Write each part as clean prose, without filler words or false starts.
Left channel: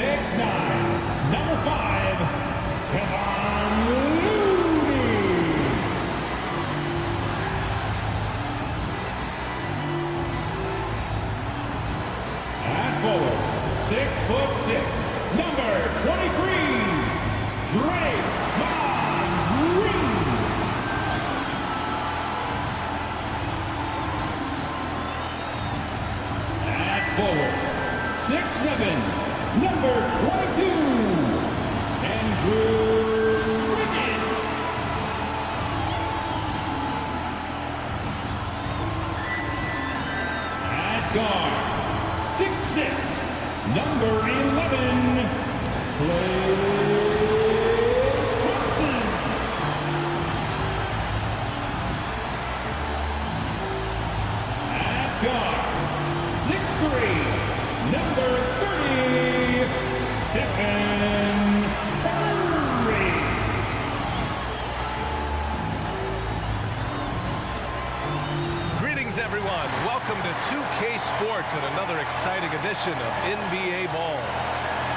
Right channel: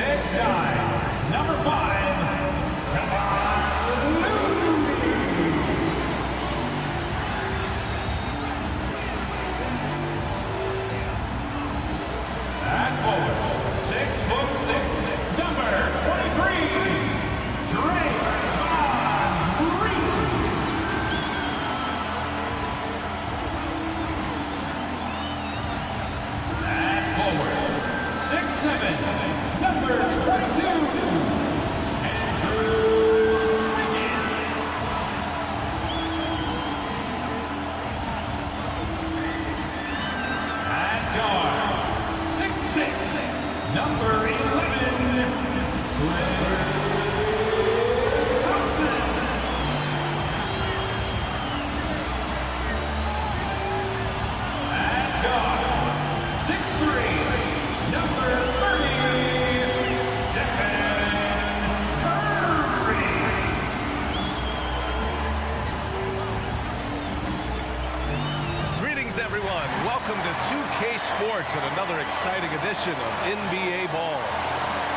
6'9", number 5, Kevon Looney. At forward, 6'6", number 23, Draymond Green. At forward, 6'7", number 22, Andrew Wiggins. At guard, 6'6", number 11, Klay Thompson. At guard, 6'3", number 30, Stephen Curry. Greetings, everyone. Welcome to 2K Sports and another exciting edition of NBA Ball.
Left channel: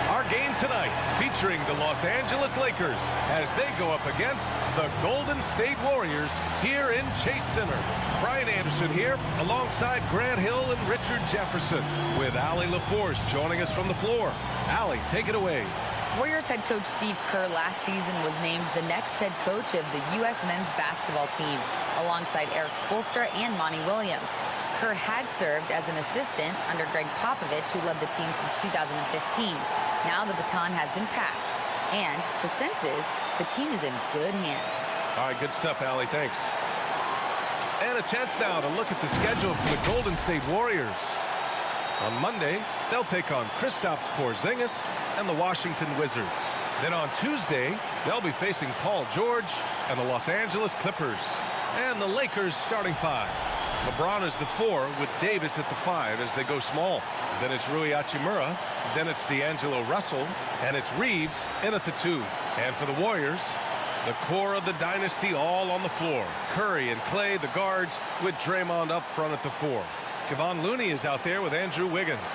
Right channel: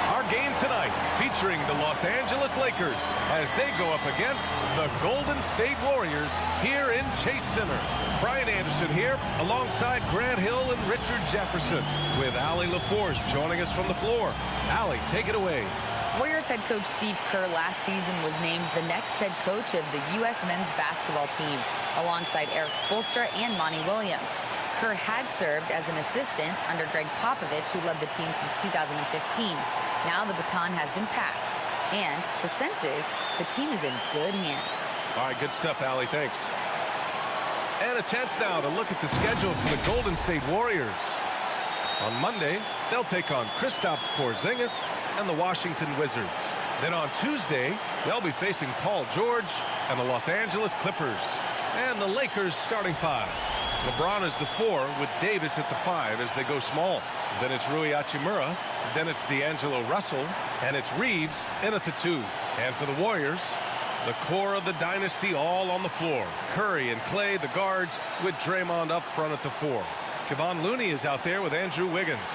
Our game tonight featuring the Los Angeles Lakers as they go up against the Golden State Warriors here in Chase Center. Brian Anderson here alongside Grant Hill and Richard Jefferson with Allie LaForce joining us from the floor. Allie, take it away. Warriors head coach Steve Kerr last season was named the next head coach of the U.S. men's basketball team alongside Eric Spoelstra and Monty Williams. Kerr had served as an assistant under Greg Popovich, who led the team since 2015. Now the baton has been passed, and the sense is the team is in good hands. All right, good stuff, Allie. Thanks. And a chance now to look at the schedule for the Golden State Warriors. On Monday, they'll take on Kristaps Porzingis and the Washington Wizards. Then on Tuesday, they'll be facing Paul George and the Los Angeles Clippers. And the Lakers starting 5. LeBron is the 4 with Davis at the 5 as they go small. Then it's Rui Hachimura, then it's D'Angelo Russell, and it's Reeves in at the 2. And for the Warriors, the core of the dynasty all on the floor. Curry and Klay, the guards, with Draymond up front at the 4. Kevon Looney is out there with Andrew Wiggins.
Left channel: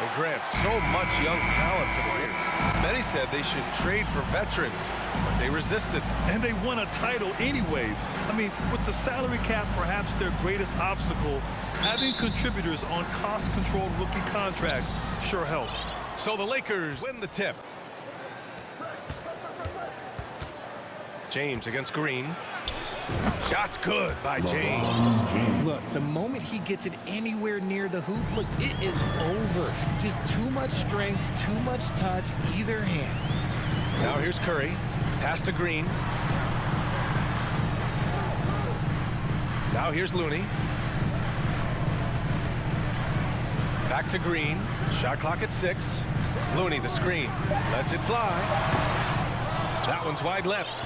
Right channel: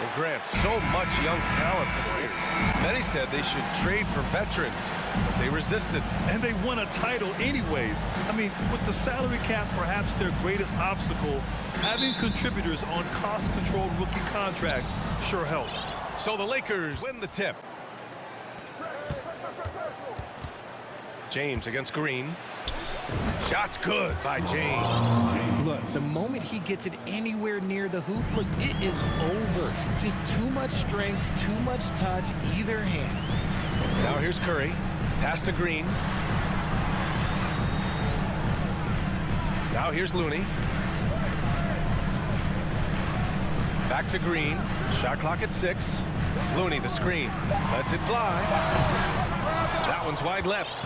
And Grant, so much young talent for the Warriors. Many said they should trade for veterans, but they resisted. And they won a title anyways. I mean, with the salary cap perhaps their greatest obstacle, having contributors on cost-controlled rookie contracts sure helps. So the Lakers win the tip. James against Green. Shot's good by James. Look, the moment he gets it anywhere near the hoop, look, it is over. Just too much strength, too much touch, either hand. Now here's Curry. Pass to Green. Now here's Looney. Back to Green. Shot clock at 6. Looney the screen. Lets it fly. That one's wide left.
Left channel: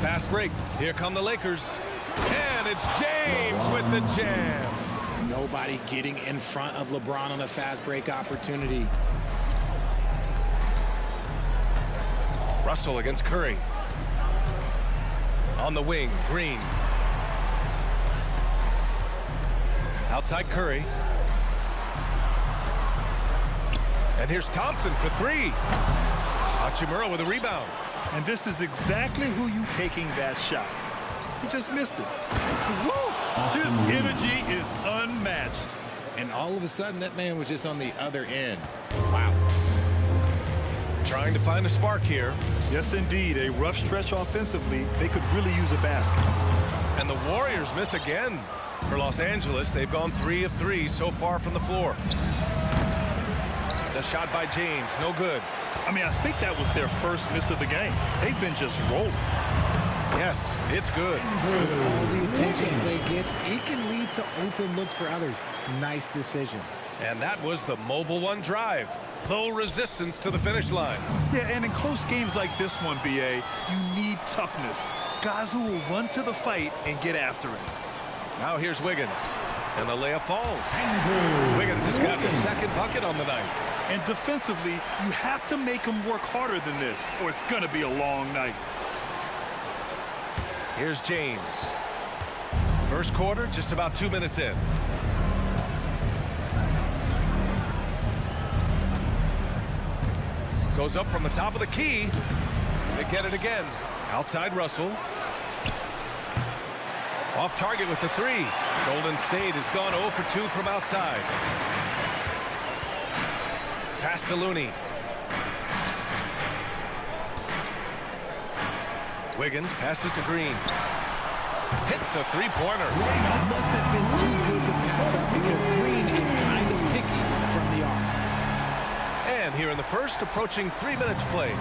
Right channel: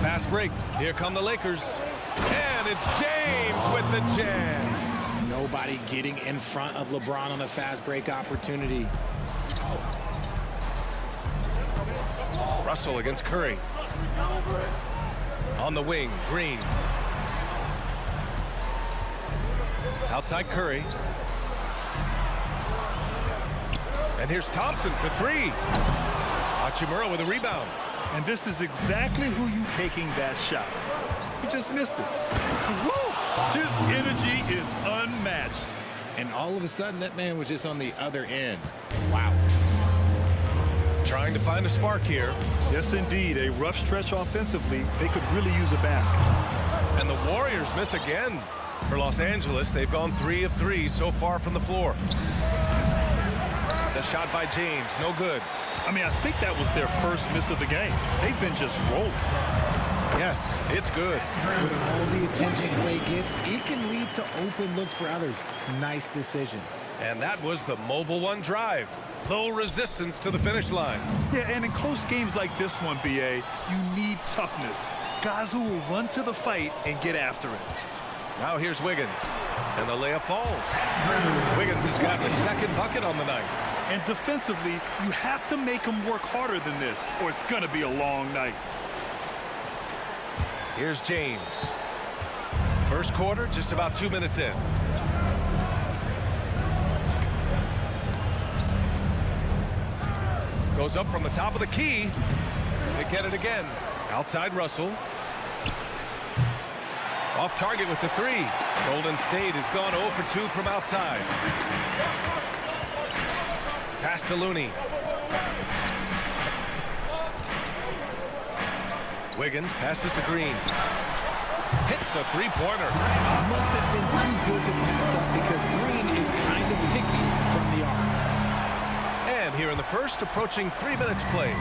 Fast break. Here come the Lakers. And it's James with the jam. Nobody getting in front of LeBron on a fast break opportunity. Russell against Curry. On the wing, Green. Outside Curry. And here's Thompson for 3. Hachimura with a rebound. And this is exactly who you taking that shot. He just missed it. Woo! His energy is unmatched. And all of a sudden, that man was just on the other end. Wow. Trying to find a spark here. Yes, indeed. A rough stretch offensively. They could really use a basket. And the Warriors miss again. For Los Angeles, they've gone 3 of 3 so far from the floor. The shot by James, no good. I mean, I think that was their first miss of the game. They've been just rolling. Yes, it's good. With all the attention Klay gets, it can lead to open looks for others. Nice decision. And that was the mobile 1 drive. Low resistance to the finish line. Yeah, and in close games like this one, BA, you need toughness. Guys who will run to the fight and get after it. Now here's Wiggins. And the layup falls. Wiggins has gotten a second bucket on the night. And defensively, you have to make them work harder than this, or it's going to be a long night. Here's James. First quarter, just about 2 minutes in. Goes up from the top of the key. They get it again. Outside Russell. Off target with the 3. Golden State has gone 0 for 2 from outside. Pass to Looney. Wiggins passes to Green. Hits the three-pointer. Must have been too good to pass up because Green is kind of picky from the arc. And here in the first, approaching 3 minutes played.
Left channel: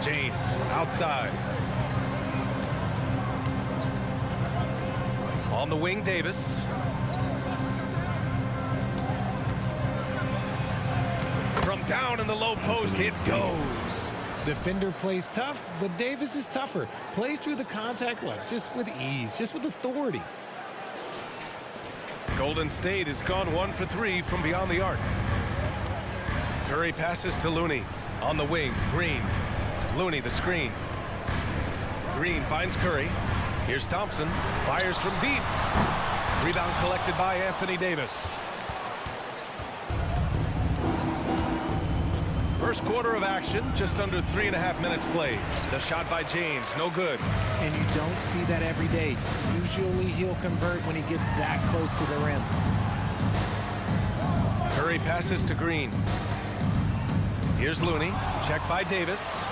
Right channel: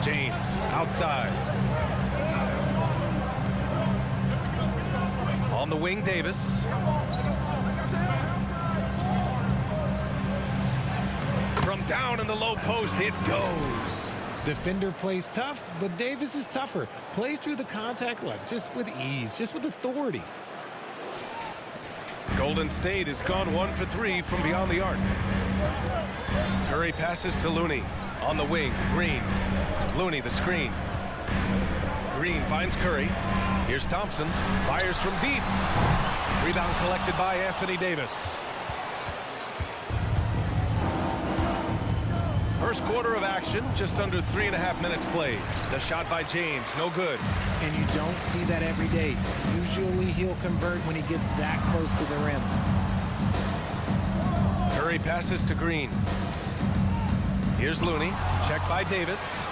James outside. On the wing, Davis. From down in the low post, it goes. Defender plays tough, but Davis is tougher. Plays through the contact look, just with ease, just with authority. Golden State has gone 1 for 3 from beyond the arc. Curry passes to Looney. On the wing, Green. Looney the screen. Green finds Curry. Here's Thompson. Fires from deep. Rebound collected by Anthony Davis. First quarter of action, just under 3.5 minutes played. The shot by James, no good. And you don't see that every day. Usually he'll convert when he gets that close to the rim. Curry passes to Green. Here's Looney, checked by Davis.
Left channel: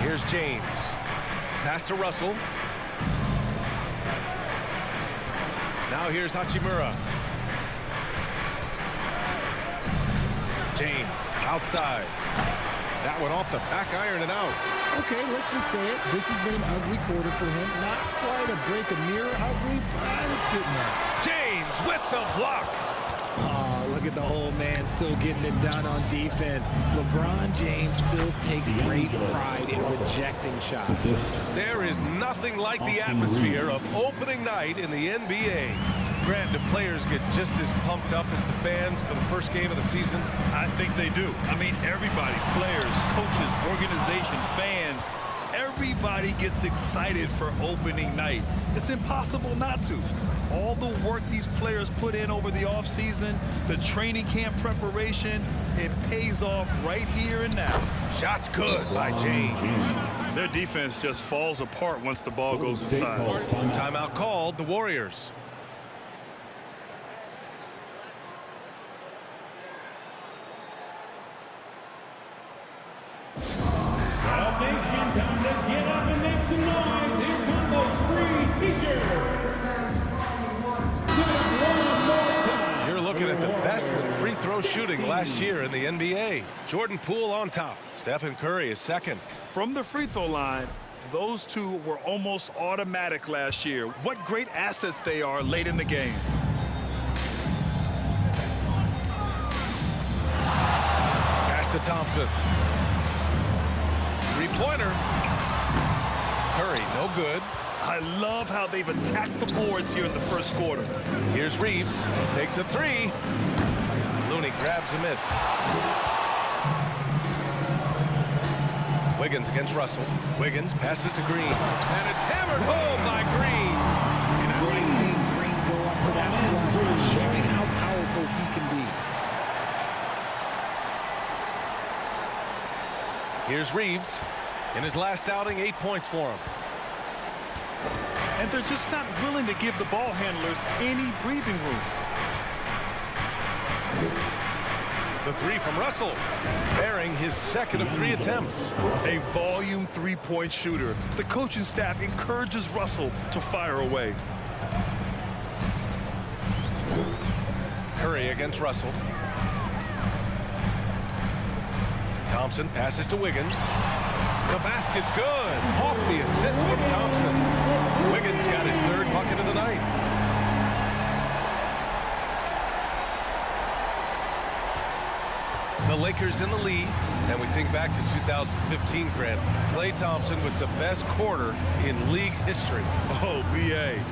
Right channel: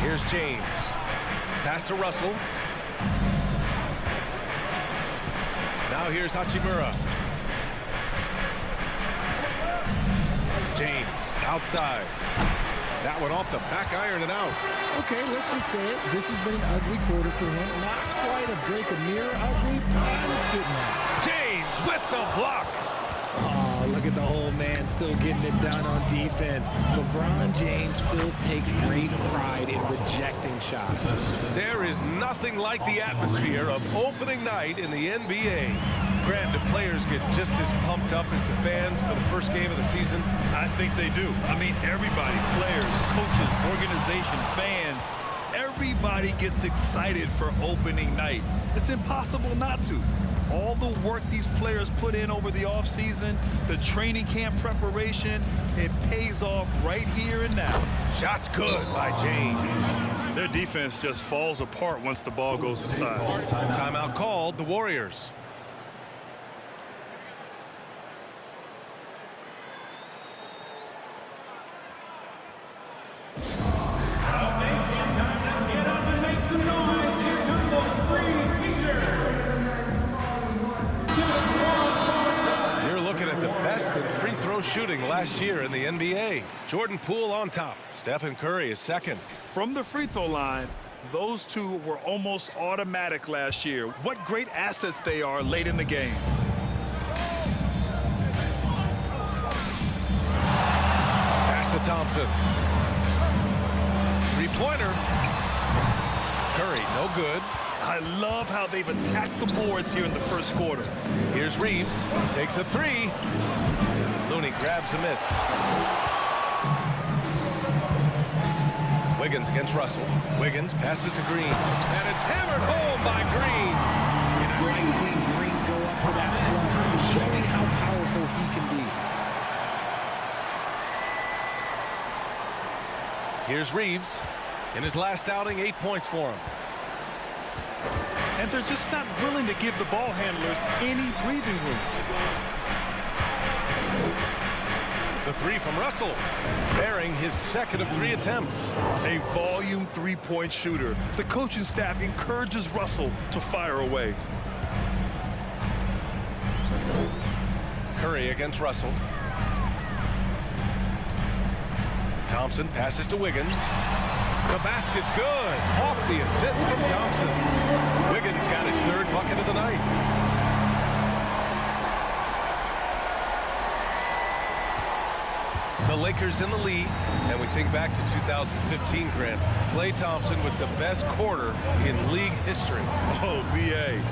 Here's James. Pass to Russell. Now here's Hachimura. James outside. That one off the back iron and out. Okay, let's just say it. This has been an ugly quarter for him. Not quite a break a mirror ugly, but it's getting there. James with the block. Oh, look at the old man still getting it done on defense. LeBron James still takes great pride in rejecting shots. There is nothing like the atmosphere of opening night in the NBA. Grant, do players get just as pumped up as the fans for the first game of the season? I think they do. I mean, everybody, players, coaches, organization, fans, everybody gets excited for opening night. It's impossible not to. All the work these players put in over the offseason, the training camp preparation, it pays off right here and now. Shots good by James. Their defense just falls apart once the ball goes inside. Timeout called, the Warriors. Now nation, time to get up and make some noise. Here come those free features. You're looking at the best in free throw shooting last year in the NBA. Jordan Poole on top. Stephen Curry is second. From the free throw line, those two were almost automatic last year. What great assets they are late in the game. Pass to Thompson. Three-pointer. Curry, no good. I love how they've attacked the boards here in the first quarter. Here's Reeves. Takes a three. Looney grabs a miss. Wiggins against Russell. Wiggins passes to Green. And it's hammered home by Green. And I like seeing Green go up for that flush, showing how powerful he can be. Here's Reeves. In his last outing, 8 points for him. And they're just not willing to give the ball handlers any breathing room. The three from Russell, bearing his second of 3 attempts. A volume three-point shooter. The coaching staff encourages Russell to fire away. Curry against Russell. Thompson passes to Wiggins. The basket's good. Off the assist from Thompson. Wiggins got his third bucket of the night. The Lakers in the lead, and we think back to 2015, Grant. Klay Thompson with the best quarter in league history. Oh, B.A.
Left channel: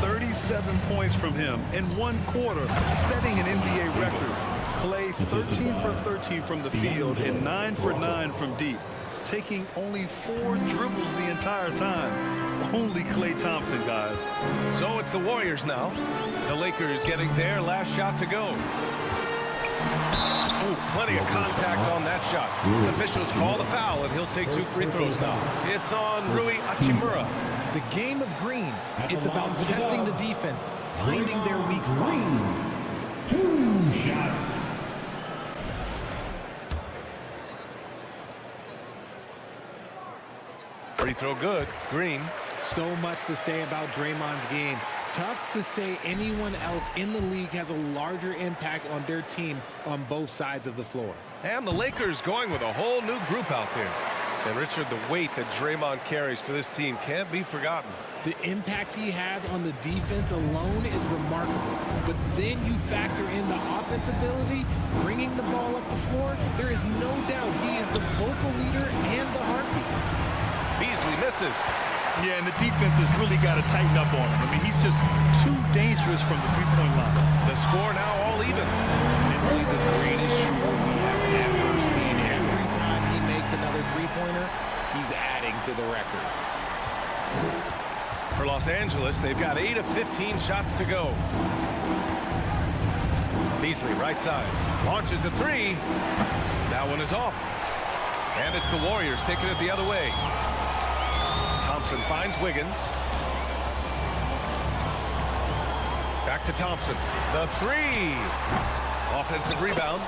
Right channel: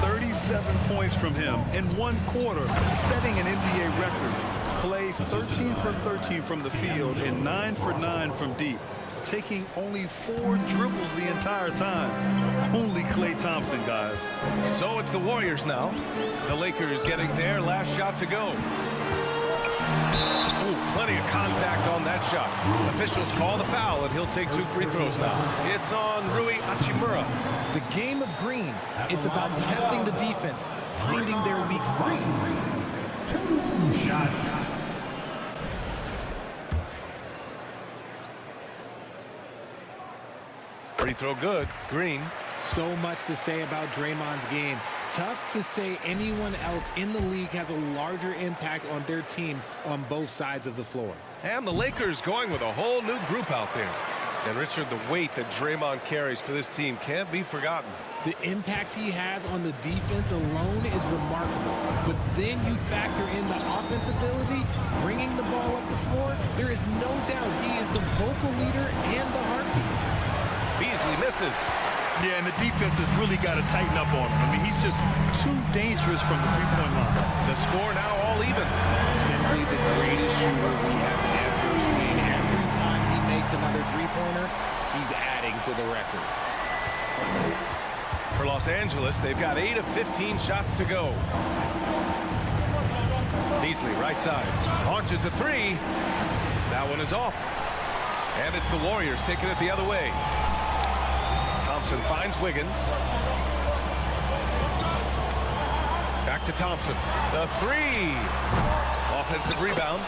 37 points from him in one quarter, setting an NBA record. Klay 13 for 13 from the field and 9 for 9 from deep, taking only 4 dribbles the entire time. Only Klay Thompson, guys. So it's the Warriors now. The Lakers getting their last shot to go. Ooh, plenty of contact on that shot. Officials call the foul, and he'll take 2 free throws now. It's on Rui Hachimura. The game of green, it's about testing the defense, finding their weak spots. 2 shots. Free throw good. Green. So much to say about Draymond's game. Tough to say anyone else in the league has a larger impact on their team on both sides of the floor. And the Lakers going with a whole new group out there. And Richard, the weight that Draymond carries for this team can't be forgotten. The impact he has on the defense alone is remarkable. But then you factor in the offense ability, bringing the ball up the floor. There is no doubt he is the vocal leader and the heartbeat. Beasley misses. Yeah, and the defense has really got to tighten up on him. I mean, he's just too dangerous from the three-point line. The score now all even. Simply the greatest shooter we have ever seen. Every time he makes another three-pointer, he's adding to the record. For Los Angeles, they've got 8 of 15 shots to go. Beasley, right side, launches a 3. That one is off. And it's the Warriors taking it the other way. Thompson finds Wiggins. Back to Thompson. The 3. Offensive rebound.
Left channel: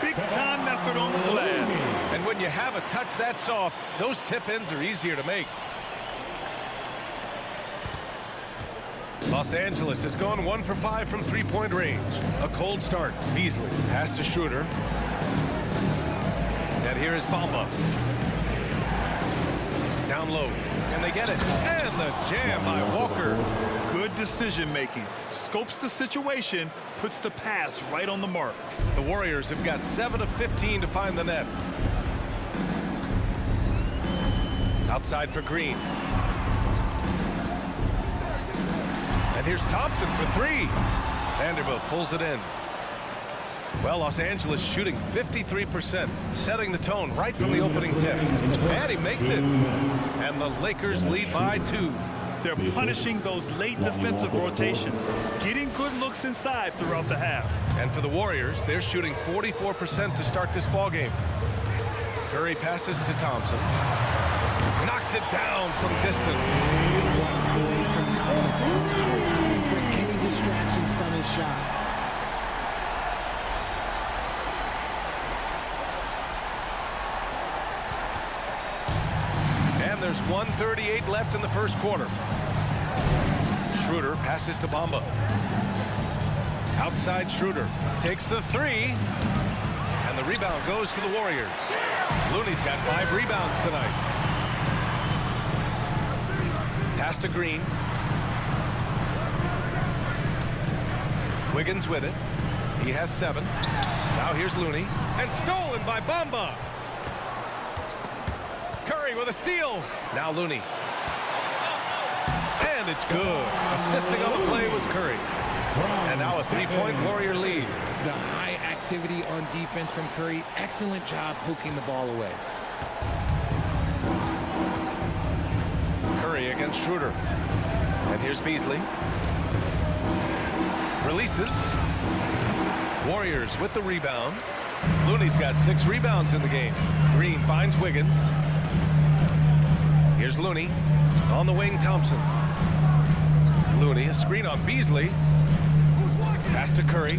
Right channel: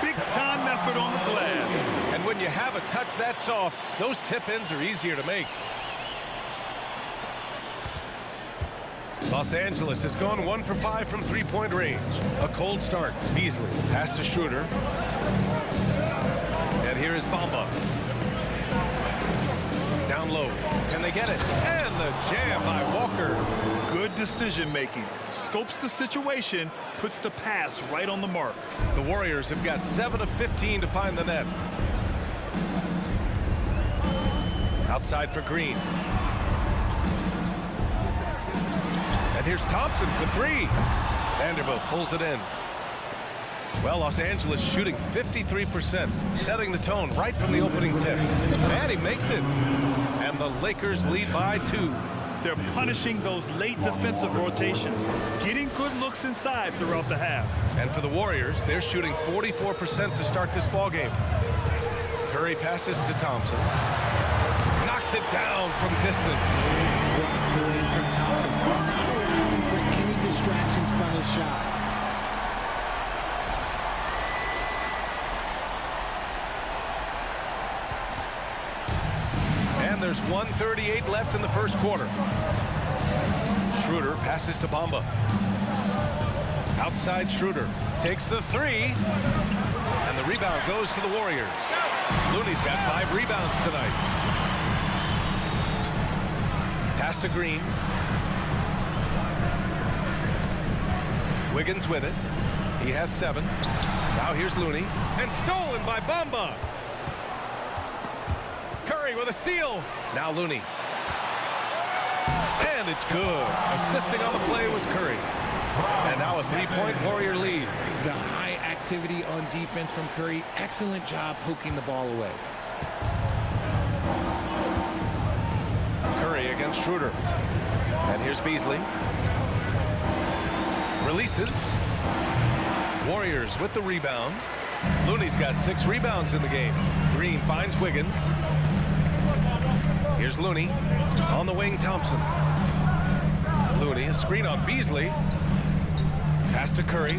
Big time effort on the glass. And when you have a touch that soft, those tip-ins are easier to make. Los Angeles has gone 1 for 5 from three-point range. A cold start. Beasley pass to Schroeder. And here is Bamba. Down low. Can they get it? And the jam by Walker. Good decision making. Scopes the situation, puts the pass right on the mark. The Warriors have got 7 of 15 to find the net. Outside for Green. And here's Thompson for 3. Vanderbilt pulls it in. Well, Los Angeles shooting 53%, setting the tone right from the opening tip. And he makes it. And the Lakers lead by 2. They're punishing those late defensive rotations, getting good looks inside throughout the half. And for the Warriors, they're shooting 44% to start this ball game. Curry passes to Thompson. Knocks it down from distance. What poise from Thompson, not allowing for any distractions from his shot. And there's 1:38 left in the first quarter. Schroeder passes to Bamba. Outside Schroeder takes the 3. And the rebound goes to the Warriors. Looney's got 5 rebounds tonight. Pass to Green. Wiggins with it. He has 7. Now here's Looney. And stolen by Bamba. Curry with a steal. Now Looney. And it's good. Assisting on the play was Curry. And now a 3-point Warrior lead. The high activity on defense from Curry. Excellent job poking the ball away. Curry against Schroeder. And here's Beasley. Releases. Warriors with the rebound. Looney's got 6 rebounds in the game. Green finds Wiggins. Here's Looney. On the wing, Thompson. Looney, a screen on Beasley. Pass to Curry.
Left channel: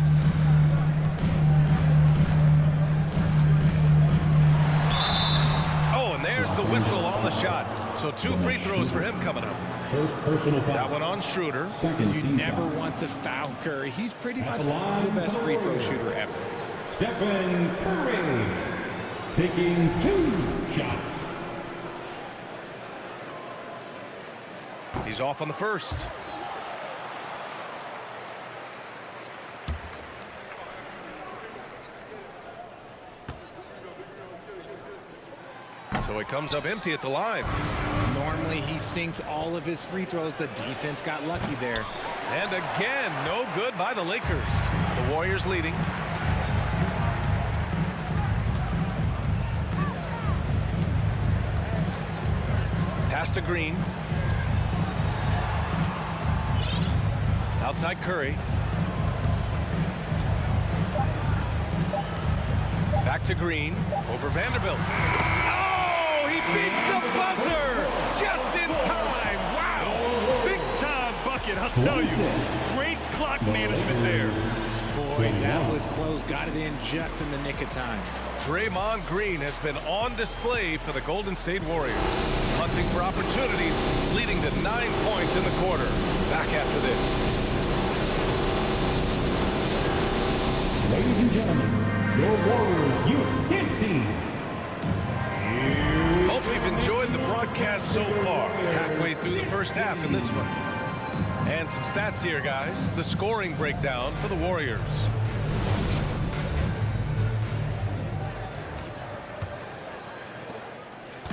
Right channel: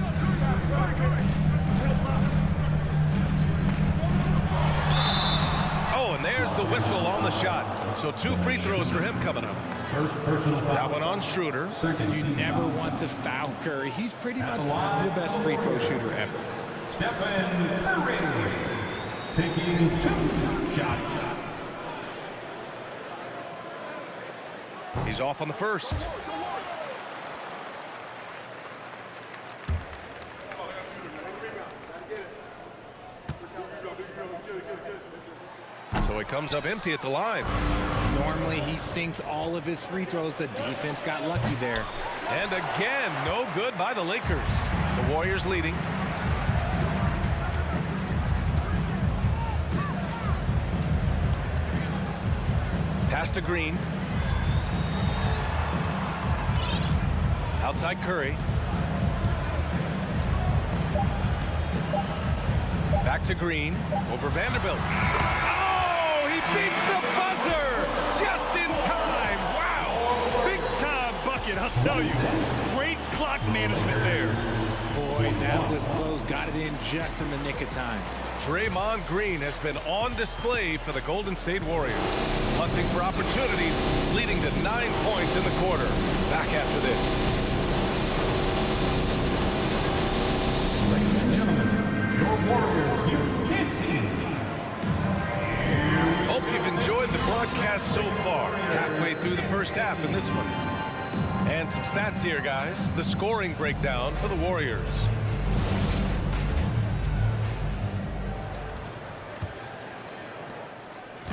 Oh, and there's the whistle on the shot. So 2 free throws for him coming up. First personal foul. That one on Schroeder. You never want to foul Curry. He's pretty much the best free throw shooter ever. Stephen Curry taking 2 shots. He's off on the first. So he comes up empty at the line. Normally he sinks all of his free throws. The defense got lucky there. And again, no good by the Lakers. The Warriors leading. Pass to Green. Outside Curry. Back to Green, over Vanderbilt. Oh, he beats the buzzer just in time. Wow. Big time bucket, I'll tell you. Great clock management there. Boy, that was close. Got it in just in the nick of time. Draymond Green has been on display for the Golden State Warriors, hunting for opportunities, leading to 9 points in the quarter. Back after this. Ladies and gentlemen, your Warriors Youth Kids team. Hope you've enjoyed the broadcast so far. Halfway through the first half in this one. And some stats here, guys. The scoring breakdown for the Warriors.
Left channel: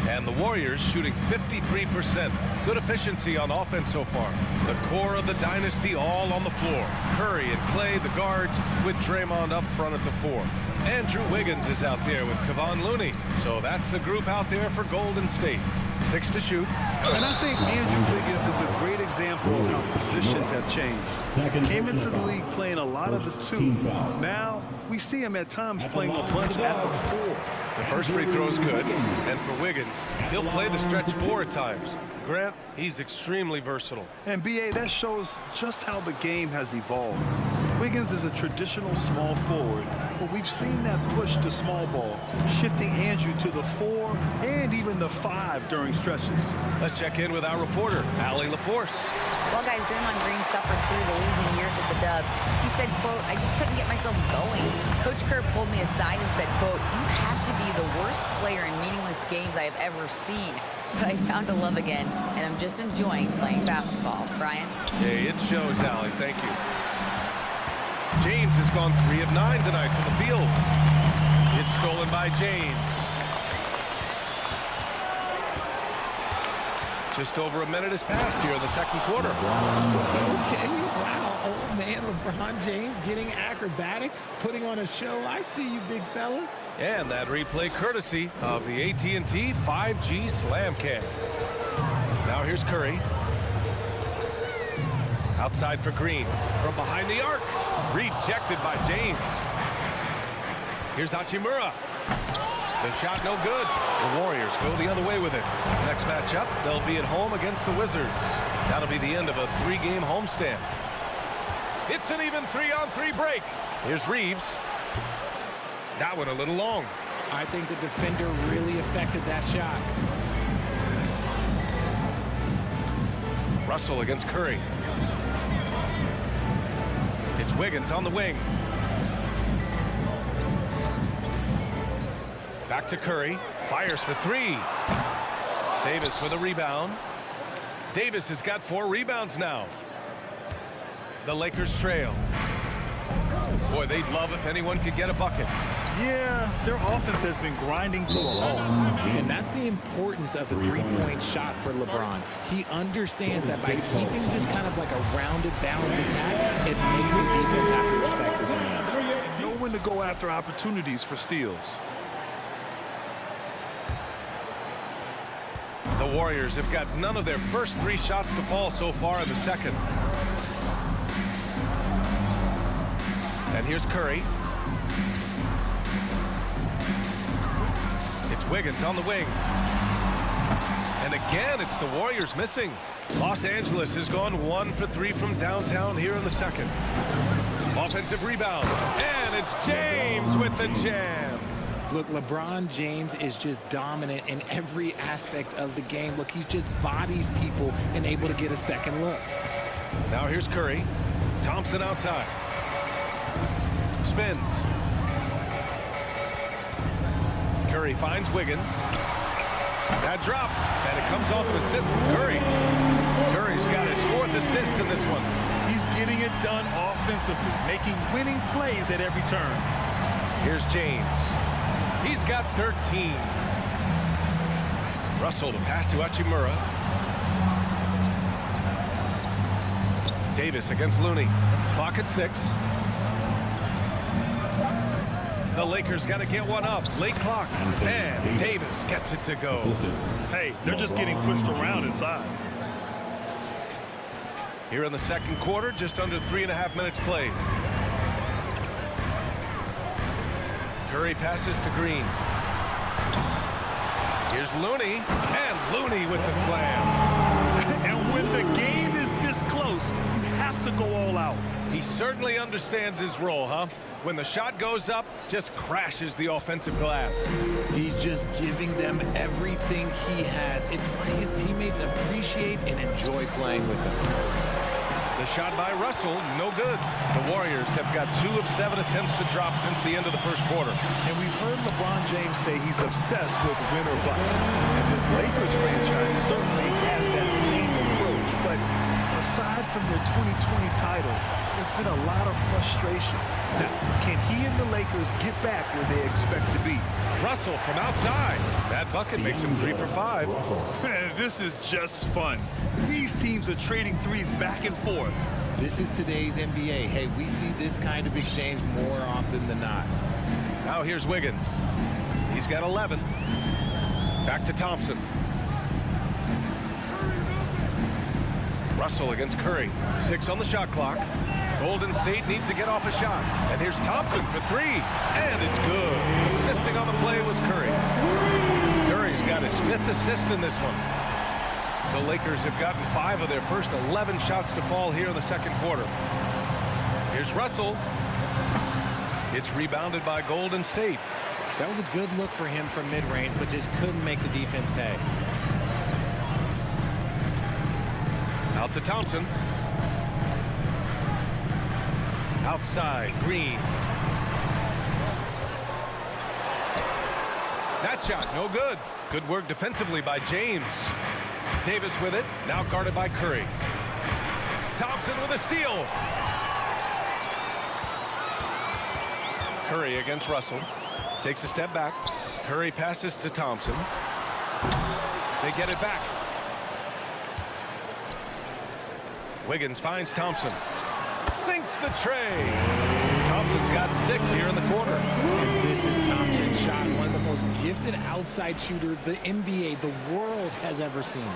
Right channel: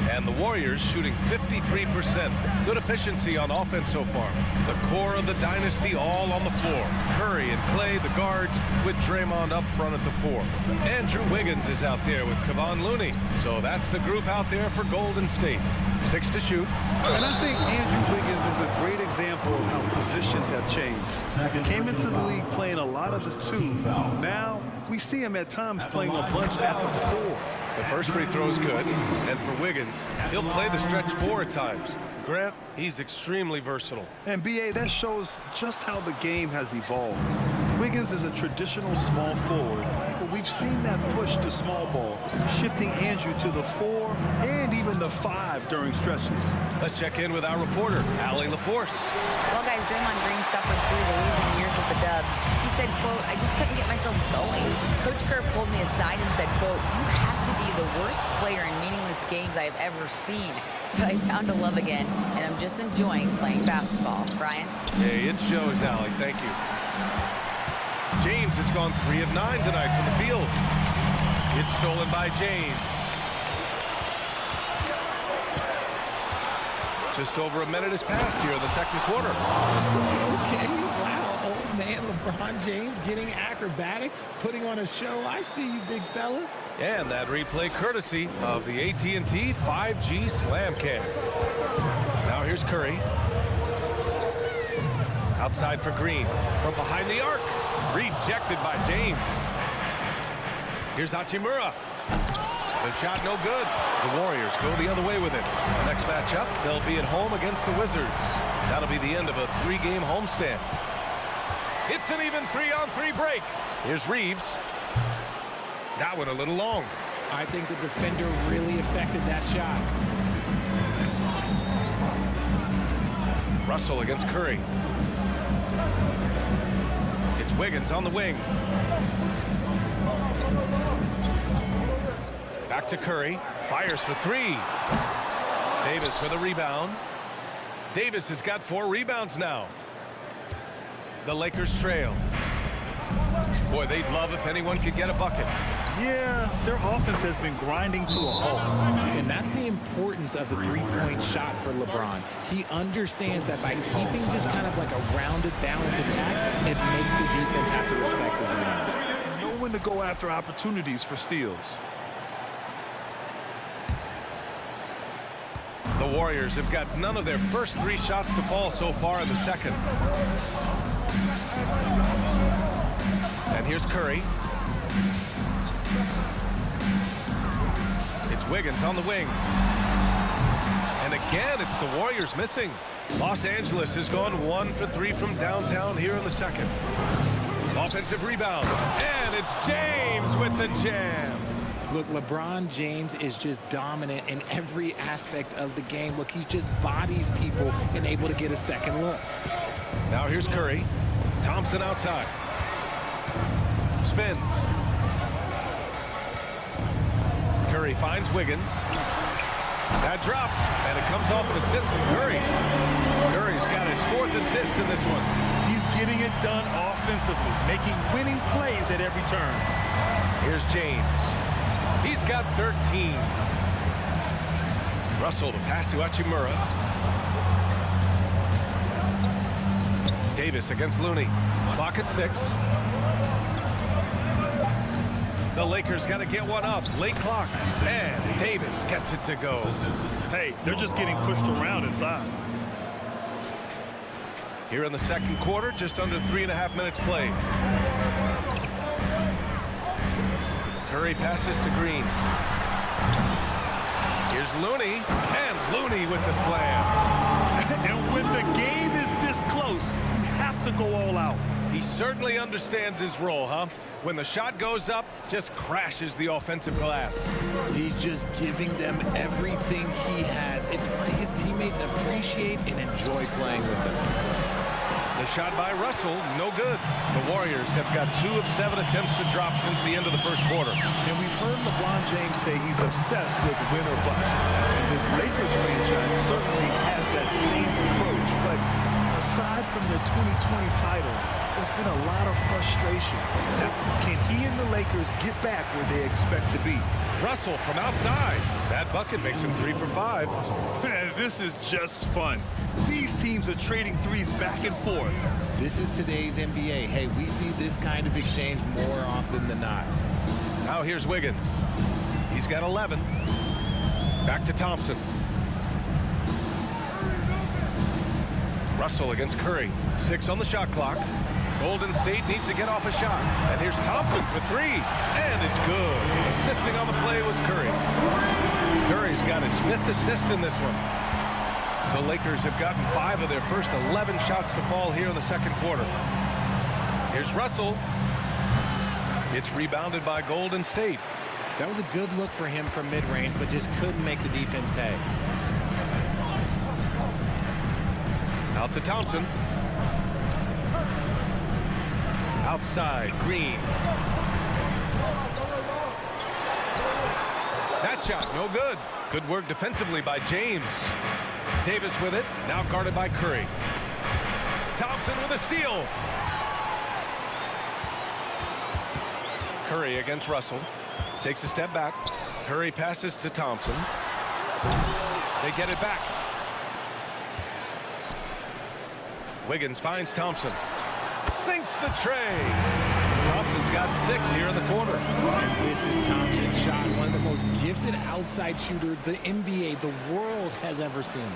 And the Warriors shooting 53%. Good efficiency on offense so far. The core of the dynasty all on the floor. Curry and Clay, the guards, with Draymond up front at the 4. Andrew Wiggins is out there with Kevon Looney. So that's the group out there for Golden State. 6 to shoot. And I think Andrew Wiggins is a great example of how positions have changed. Came into the league playing a lot of the 2. Now we see him at times playing a bunch at the 4. The first free throw is good, and for Wiggins, he'll play the stretch 4 at times. Grant, he's extremely versatile. And B.A., that shows just how the game has evolved. Wiggins is a traditional small forward, but we've seen that push to small ball, shifting Andrew to the 4 and even the 5 during stretches. Let's check in with our reporter, Allie LaForce. Well, guys, Draymond Green suffered through the losing years with the Dubs. He said, quote, "I just couldn't get myself going." Coach Kerr pulled me aside and said, quote, "You have to be the worst player in meaningless games I have ever seen. But I found a love again, and I'm just enjoying playing basketball." Brian? Hey, it shows, Allie. Thank you. James has gone 3 of 9 tonight from the field. It's stolen by James. Just over a minute has passed here in the second quarter. Okay, wow, old man LeBron James getting acrobatic, putting on a show. I see you, big fella. And that replay courtesy of the AT&T 5G Slam Cam. Now here's Curry. Outside for Green. From behind the arc. Rejected by James. Here's Hachimura. The shot no good. The Warriors go the other way with it. Next matchup, they'll be at home against the Wizards. That'll be the end of a 3-game homestand. It's an even 3-on-3 break. Here's Reeves. That one a little long. I think the defender really affected that shot. Russell against Curry. It's Wiggins on the wing. Back to Curry. Fires for 3. Davis with a rebound. Davis has got 4 rebounds now. The Lakers trail. Boy, they'd love if anyone could get a bucket. Yeah, their offense has been grinding to a halt. And that's the importance of the 3-point shot for LeBron. He understands that by keeping just kind of like a rounded, balanced attack, it makes the defense have to respect his range. Know when to go after opportunities for steals. The Warriors have got none of their first 3 shots to fall so far in the second. And here's Curry. It's Wiggins on the wing. And again, it's the Warriors missing. Los Angeles has gone 1 for 3 from downtown here in the second. Offensive rebound. And it's James with the jam. Look, LeBron James is just dominant in every aspect of the game. Look, he just bodies people and able to get a second look. Now here's Curry. Thompson outside. Spins. Curry finds Wiggins. That drops, and it comes off an assist from Curry. Curry's got his 4th assist in this one. He's getting it done offensively, making winning plays at every turn. Here's James. He's got 13. Russell to pass to Hachimura. Davis against Looney. Clock at 6. The Lakers got to get one up. Late clock. And Davis gets it to go. Hey, they're just getting pushed around inside. Here in the second quarter, just under 3.5 minutes played. Curry passes to Green. Here's Looney, and Looney with the slam. And when the game is this close, you have to go all out. He certainly understands his role, huh? When the shot goes up, just crashes the offensive glass. He's just giving them everything he has. It's why his teammates appreciate and enjoy playing with him. The shot by Russell, no good. The Warriors have got 2 of 7 attempts to drop since the end of the first quarter. And we've heard LeBron James say he's obsessed with win or bust. And this Lakers franchise certainly has that same approach. But aside from their 2020 title, there's been a lot of frustration. Now, can he and the Lakers get back where they expect to be? Russell from outside. That bucket makes him 3 for 5. Man, this is just fun. These teams are trading threes back and forth. This is today's NBA. Hey, we see this kind of exchange more often than not. Now here's Wiggins. He's got 11. Back to Thompson. Russell against Curry. 6 on the shot clock. Golden State needs to get off a shot. And here's Thompson for 3. And it's good. Assisting on the play was Curry. Curry's got his 5th assist in this one. The Lakers have gotten 5 of their first 11 shots to fall here in the second quarter. Here's Russell. It's rebounded by Golden State. That was a good look for him from mid-range, but just couldn't make the defense pay. Out to Thompson. Outside, Green. That shot, no good. Good work defensively by James. Davis with it, now guarded by Curry. Thompson with a steal. Curry against Russell. Takes a step back. Curry passes to Thompson. They get it back. Wiggins finds Thompson. Sinks the tray. Thompson's got 6 here in the quarter. And this is Thompson's shot, one of the most gifted outside shooters the NBA, the world has ever seen.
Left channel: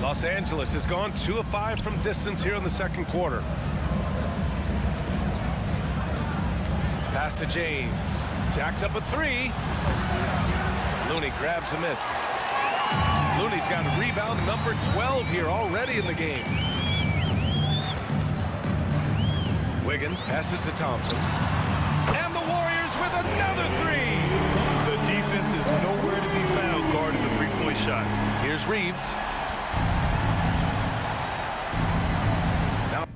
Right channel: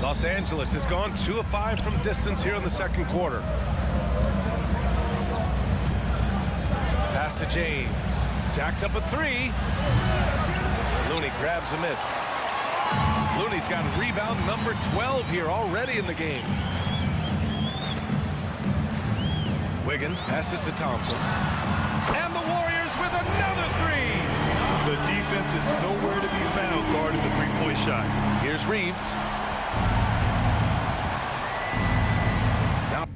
Los Angeles has gone 2 of 5 from distance here in the second quarter. Pass to James. Jacks up a 3. Looney grabs a miss. Looney's got rebound number 12 here already in the game. Wiggins passes to Thompson. And the Warriors with another 3. The defense is nowhere to be found guarding the three-point shot. Here's Reeves. Now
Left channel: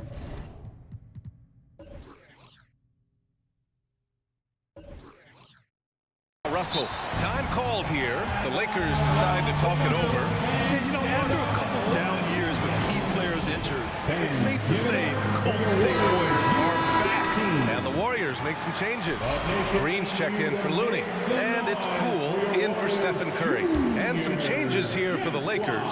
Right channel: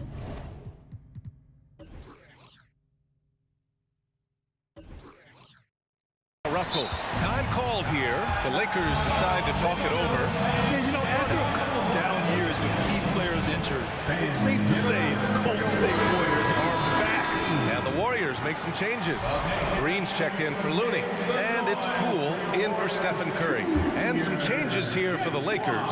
Russell. Time called here. The Lakers decide to talk it over. Yeah, you know, after a couple down years with key players injured, it's safe to say the Golden State Warriors are back. And the Warriors make some changes. Green's checked in for Looney. And it's Poole in for Stephen Curry. And some changes here for the Lakers.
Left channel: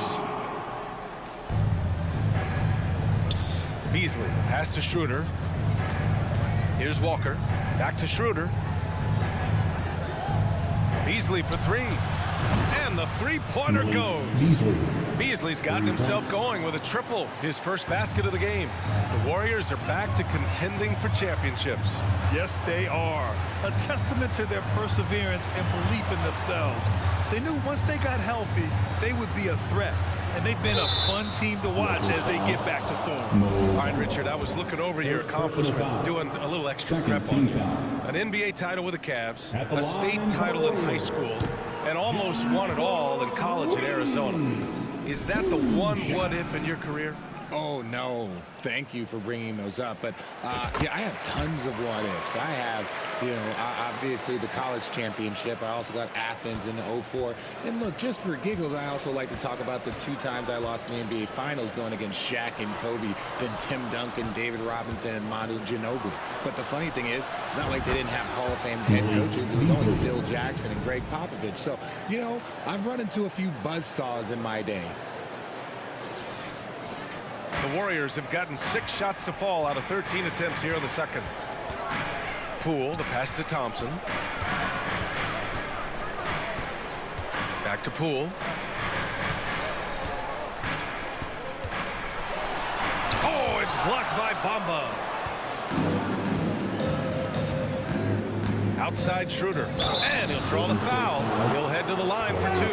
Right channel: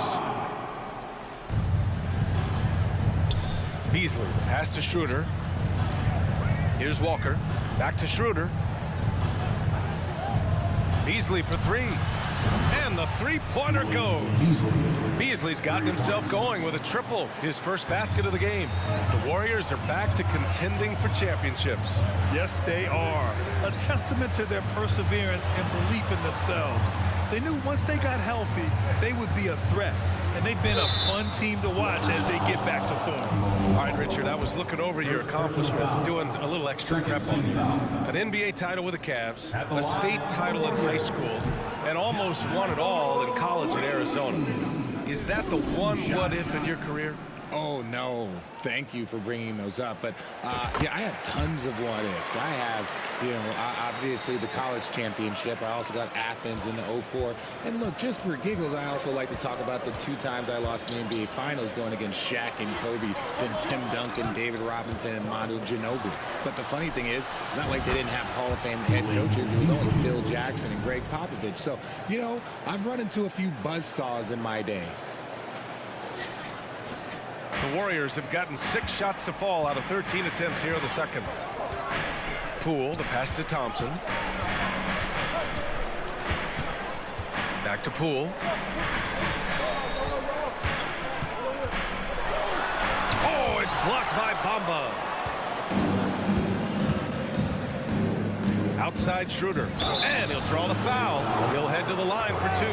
Beasley, the pass to Schroeder. Here's Walker. Back to Schroeder. Beasley for 3. And the three-pointer goes. Beasley's gotten himself going with a triple, his first basket of the game. The Warriors are back to contending for championships. Yes, they are. A testament to their perseverance and belief in themselves. They knew once they got healthy, they would be a threat. And they've been a fun team to watch as they get back to form. All right, Richard, I was looking over your accomplishments, doing a little extra prep on you. An NBA title with the Cavs, a state title in high school, and almost won it all in college at Arizona. Is that the one what-if in your career? Oh, no. Thank you for bringing those up. But, yeah, I have tons of what-ifs. I have, you know, obviously the college championship. I also got Athens in '04. And, look, just for giggles, I also like to talk about the 2 times I lost in the NBA Finals going against Shaq and Kobe, then Tim Duncan, David Robinson, and Manu Ginobili. But the funny thing is, it's not like they didn't have Hall of Fame head coaches. It was only Phil Jackson and Greg Popovich. So, you know, I've run into a few buzzsaws in my day. The Warriors have gotten 6 shots to fall out of 13 attempts here in the second. Poole, the pass to Thompson. Back to Poole. Oh, it's blocked by Bamba. Outside Schroeder. And he'll draw the foul. He'll head to the line for 2.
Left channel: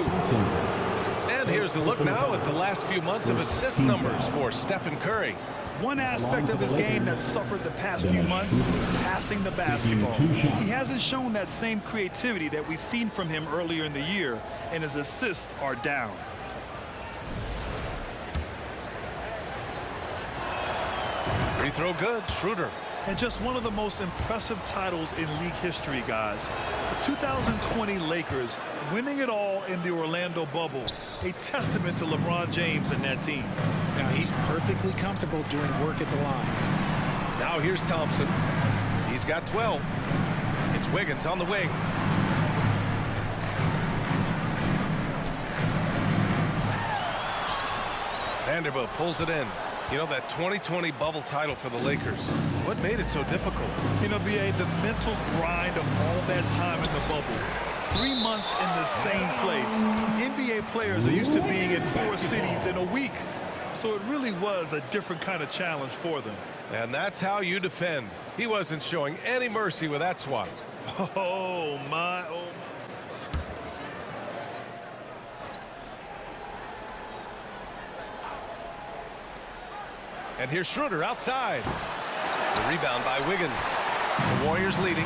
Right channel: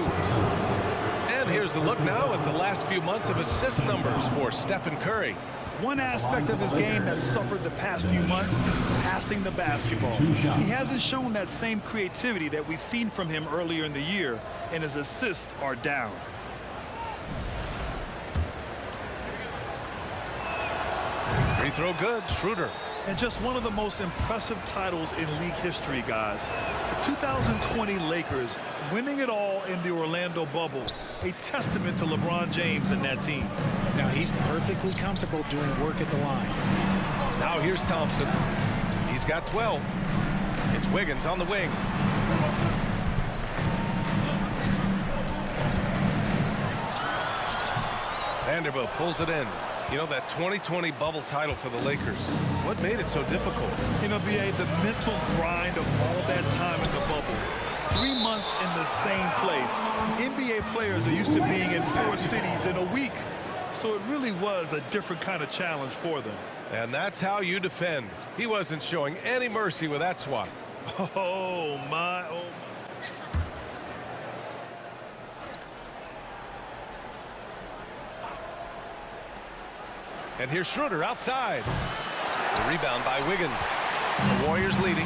And here's the look now at the last few months of assist numbers for Stephen Curry. One aspect of his game that suffered the past few months, passing the basketball. He hasn't shown that same creativity that we've seen from him earlier in the year, and his assists are down. Free throw good, Schroeder. And just one of the most impressive titles in league history, guys. The 2020 Lakers winning it all in the Orlando bubble. A testament to LeBron James and that team. Now he's perfectly comfortable doing work at the line. Now here's Thompson. He's got 12. It's Wiggins on the wing. Vanderbilt pulls it in. You know, that 2020 bubble title for the Lakers, what made it so difficult? You know, B.A., the mental grind of all that time in the bubble. 3 months in the same place. NBA players are used to being in 4 cities in a week. So it really was a different kind of challenge for them. And that's how you defend. He wasn't showing any mercy with that swat. Oh, my. And here's Schroeder outside. The rebound by Wiggins. The Warriors leading.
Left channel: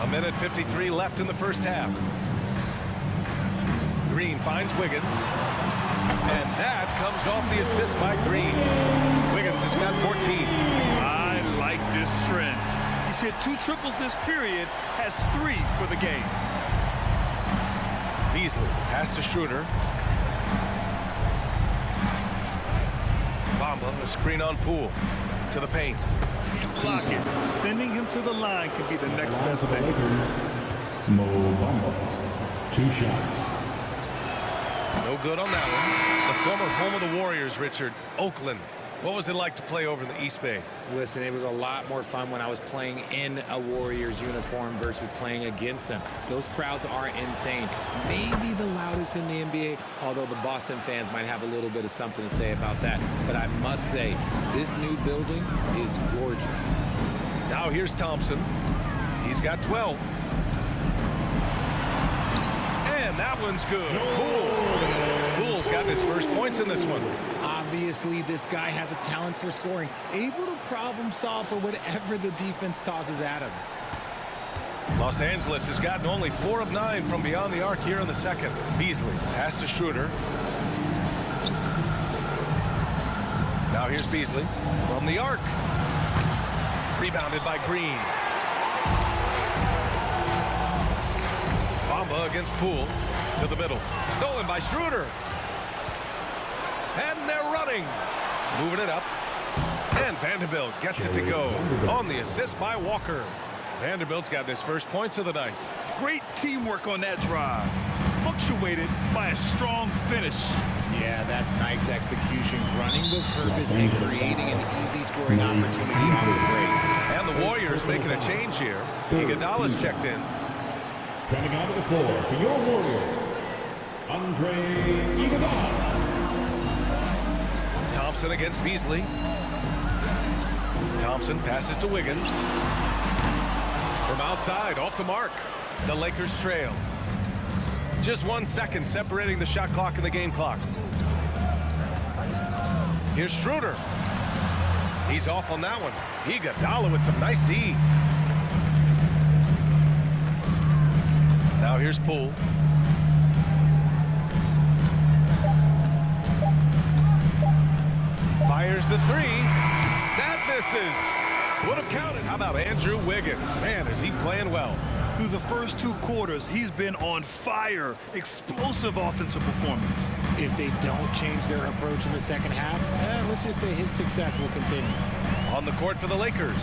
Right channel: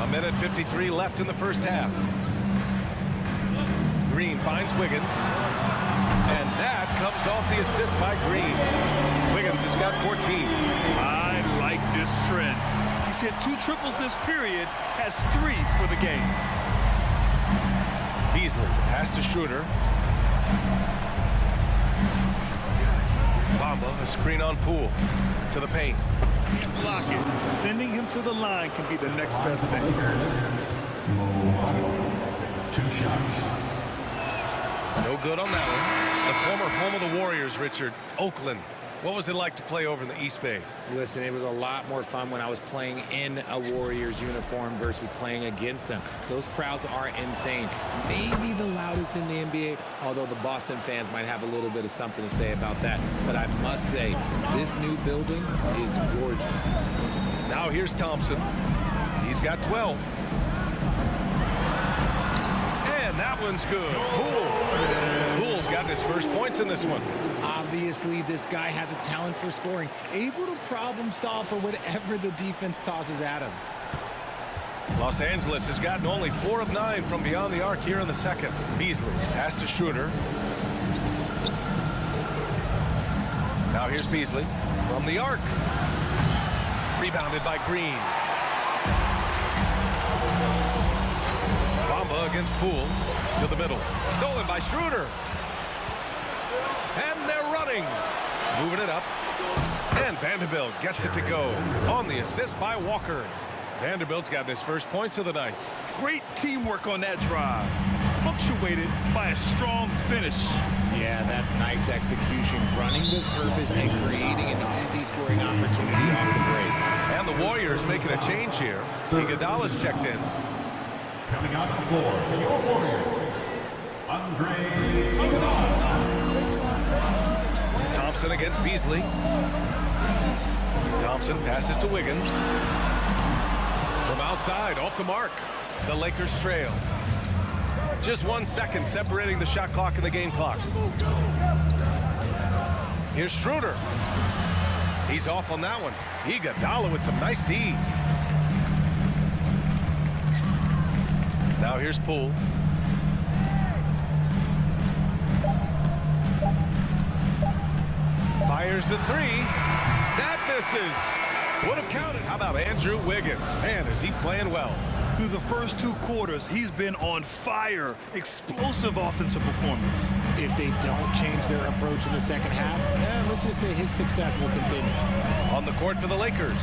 A minute 53 left in the first half. Green finds Wiggins. And that comes off the assist by Green. Wiggins has got 14. I like this trend. He's hit 2 triples this period, has 3 for the game. Beasley, the pass to Schroeder. Bamba, a screen on Poole. To the paint. Can't block it. Sending him to the line can be the next best thing. 2 shots. No good on that one. The former home of the Warriors, Richard, Oakland. What was it like to play over in the East Bay? Listen, it was a lot more fun when I was playing in a Warriors uniform versus playing against them. Those crowds are insane. Maybe the loudest in the NBA, although the Boston fans might have a little bit of something to say about that. But I must say, this new building is gorgeous. Now here's Thompson. He's got 12. And that one's good. Poole's gotten his first points in this one. Obviously, this guy has a talent for scoring, able to problem solve for whatever the defense tosses at him. Los Angeles has gotten only 4 of 9 from beyond the arc here in the second. Beasley, pass to Schroeder. Now here's Beasley from the arc. Rebounded by Green. Bamba against Poole. To the middle. Stolen by Schroeder. And they're running. Moving it up. And Vanderbilt gets it to go on the assist by Walker. Vanderbilt's gotten his first points of the night. Great teamwork on that drive. Punctuated by a strong finish. Yeah, that's nice execution. Running with purpose and creating an easy scoring opportunity off the break. And the Warriors making a change here. Iguodala's checked in. Coming onto the floor for your Warriors, Andre Iguodala. Thompson against Beasley. Thompson passes to Wiggins. From outside, off the mark. The Lakers trail. Just 1 second separating the shot clock and the game clock. Here's Schroeder. He's off on that one. Iguodala with some nice D. Now here's Poole. Fires the 3. That misses. Would have counted. How about Andrew Wiggins? Man, is he playing well. Through the first 2 quarters, he's been on fire. Explosive offensive performance. If they don't change their approach in the second half, let's just say his success will continue. On the court for the Lakers.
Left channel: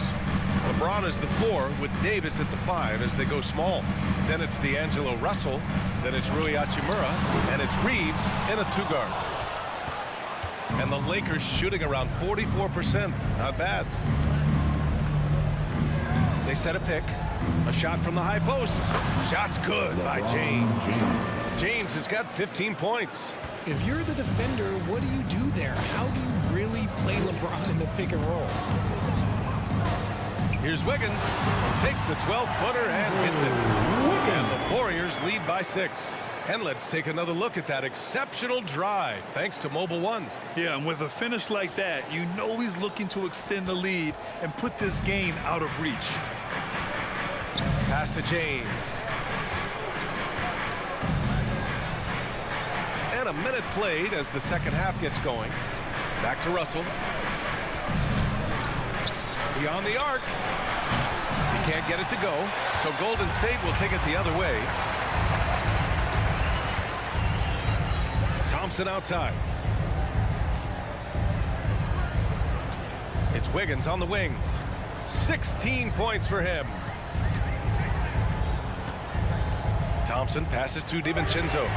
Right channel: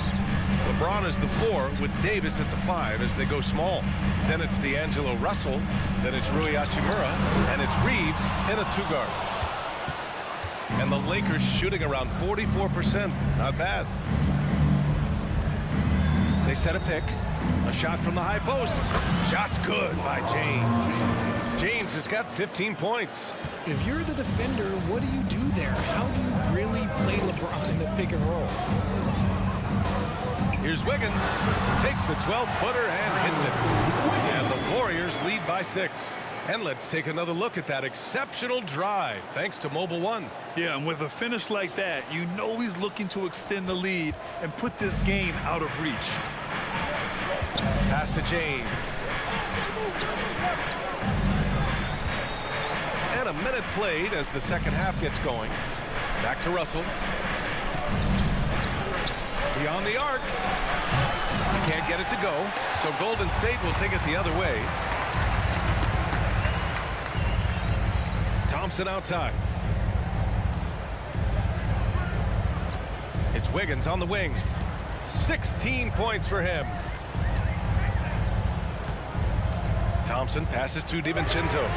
LeBron is the 4 with Davis at the 5 as they go small. Then it's D'Angelo Russell. Then it's Rui Hachimura. And it's Reeves in a 2-guard. And the Lakers shooting around 44%. Not bad. They set a pick. A shot from the high post. Shot's good by James. James has got 15 points. If you're the defender, what do you do there? How do you really play LeBron in the pick and roll? Here's Wiggins. Takes the 12-footer and hits it. And the Warriors lead by 6. And let's take another look at that exceptional drive, thanks to Mobile One. Yeah, and with a finish like that, you know he's looking to extend the lead and put this game out of reach. Pass to James. And a minute played as the second half gets going. Back to Russell. Beyond the arc. He can't get it to go, so Golden State will take it the other way. Thompson outside. It's Wiggins on the wing. 16 points for him. Thompson passes to DiVincenzo.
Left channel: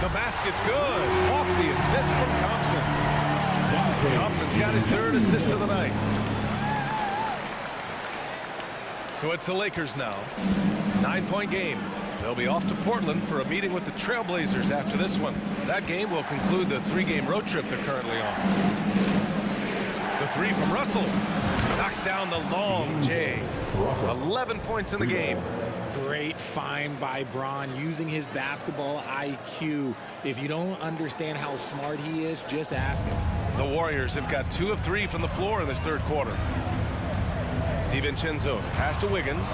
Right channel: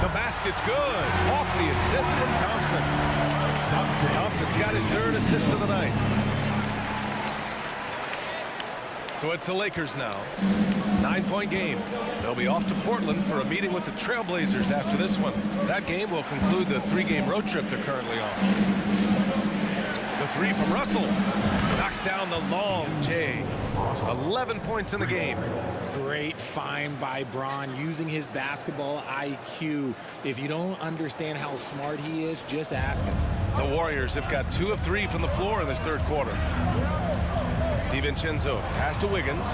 The basket's good. Off the assist from Thompson. Thompson's got his 3rd assist of the night. So it's the Lakers now. 9-point game. They'll be off to Portland for a meeting with the Trailblazers after this one. That game will conclude the 3-game road trip they're currently on. The 3 from Russell. Knocks down the long J. 11 points in the game. Great find by Bron using his basketball IQ. If you don't understand how smart he is, just ask him. The Warriors have got 2 of 3 from the floor in this 3rd quarter. DiVincenzo pass to Wiggins.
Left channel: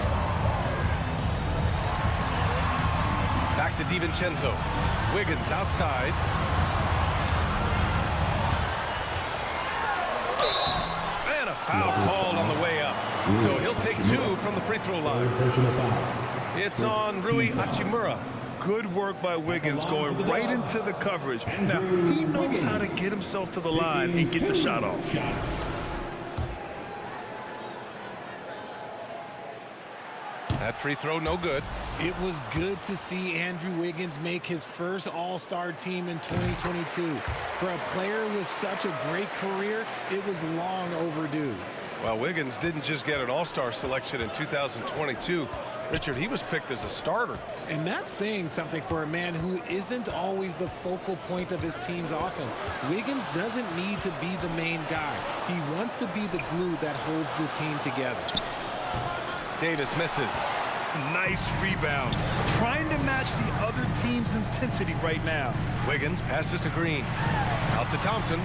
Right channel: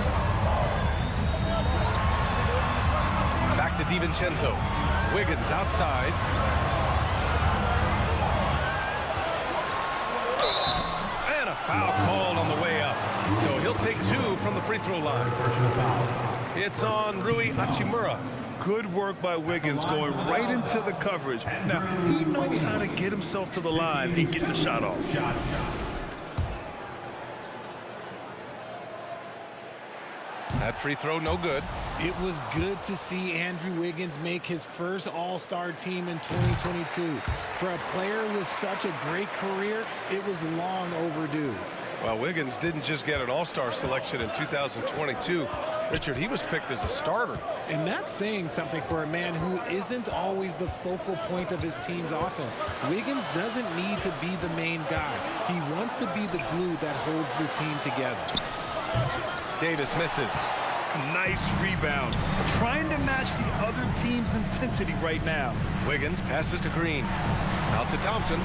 Back to DiVincenzo. Wiggins outside. And a foul called on the way up. So he'll take 2 from the free throw line. It's on Rui Hachimura. Good work by Wiggins going right into the coverage. Now, he knows how to get himself to the line and get the shot off. That free throw no good. It was good to see Andrew Wiggins make his first All-Star team in 2022. For a player with such a great career, it was long overdue. Well, Wiggins didn't just get an All-Star selection in 2022. Richard, he was picked as a starter. And that's saying something for a man who isn't always the focal point of his team's offense. Wiggins doesn't need to be the main guy. He wants to be the glue that holds the team together. Davis misses. Nice rebound. Trying to match the other team's intensity right now. Wiggins passes to Green. Out to Thompson.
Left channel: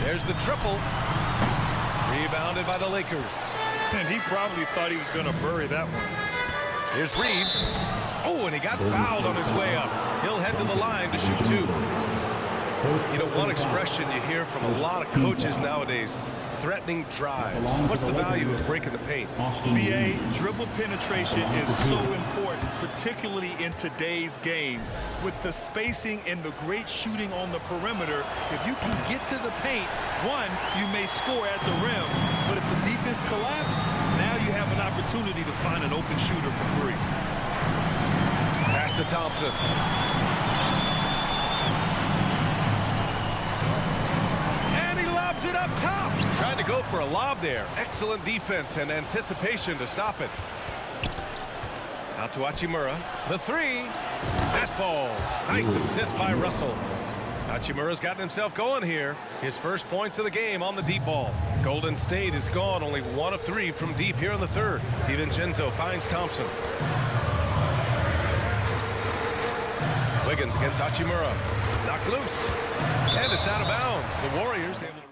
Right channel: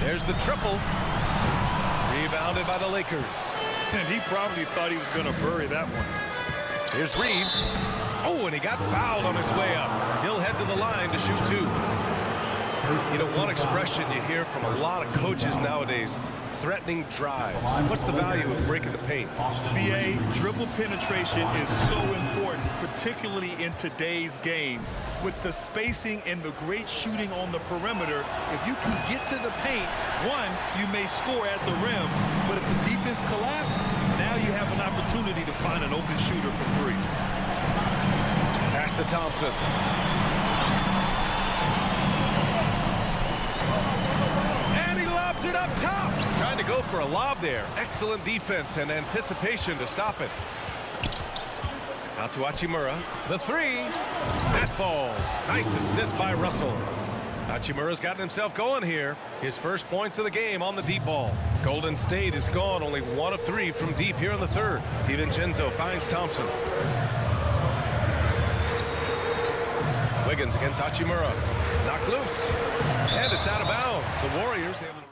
There's the triple. Rebounded by the Lakers. And he probably thought he was going to bury that one. Here's Reeves. Oh, and he got fouled on his way up. He'll head to the line to shoot 2. You know, one expression you hear from a lot of coaches nowadays, threatening drives. What's the value of breaking the paint? BA, dribble penetration is so important, particularly in today's game. With the spacing and the great shooting on the perimeter, if you can get to the paint, one, you may score at the rim, but if the defense collapses, now you have an opportunity to find an open shooter from 3. Pass to Thompson. And he lobs it up top. Trying to go for a lob there. Excellent defense and anticipation to stop it. Out to Hachimura. The 3. That falls. Nice assist by Russell. Hachimura's gotten himself going here. His first points of the game on the deep ball. Golden State is gone only 1 of 3 from deep here in the 3rd. DiVincenzo finds Thompson. Wiggins against Hachimura. Knocked loose. And it's out of bounds. The Warriors able to...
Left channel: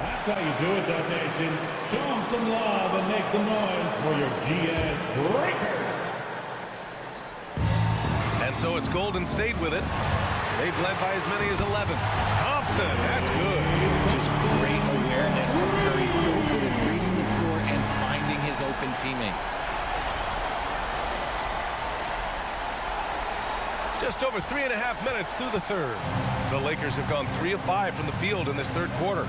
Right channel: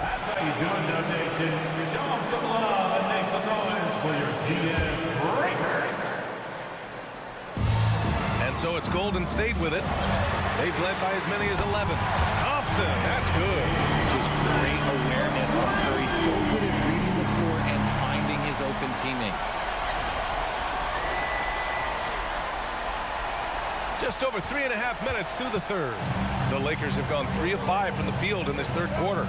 That's how you do it, Dub Nation. Show them some love and make some noise for your GS Breakers. And so it's Golden State with it. They've led by as many as 11. Thompson, that's good. Just great awareness from Curry. So good at reading the floor and finding his open teammates. Just over 3.5 minutes through the 3rd. The Lakers have gone 3 of 5 from the field in this 3rd quarter.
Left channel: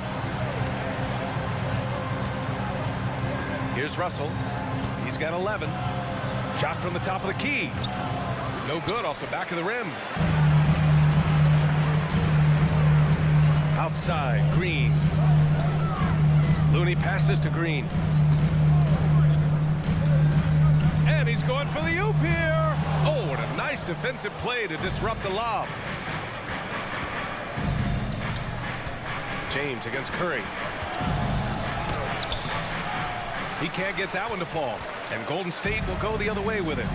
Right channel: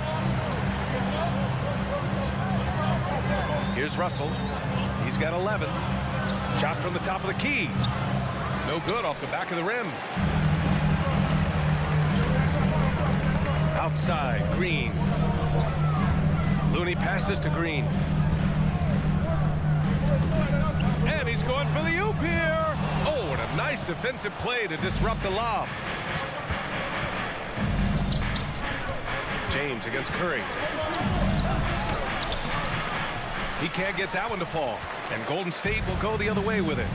Here's Russell. He's got 11. Shot from the top of the key. No good off the back of the rim. Outside, Green. Looney passes to Green. And he's going for the oop here. Oh, what a nice defensive play to disrupt the lob. James against Curry. He can't get that one to fall. And Golden State will go the other way with it.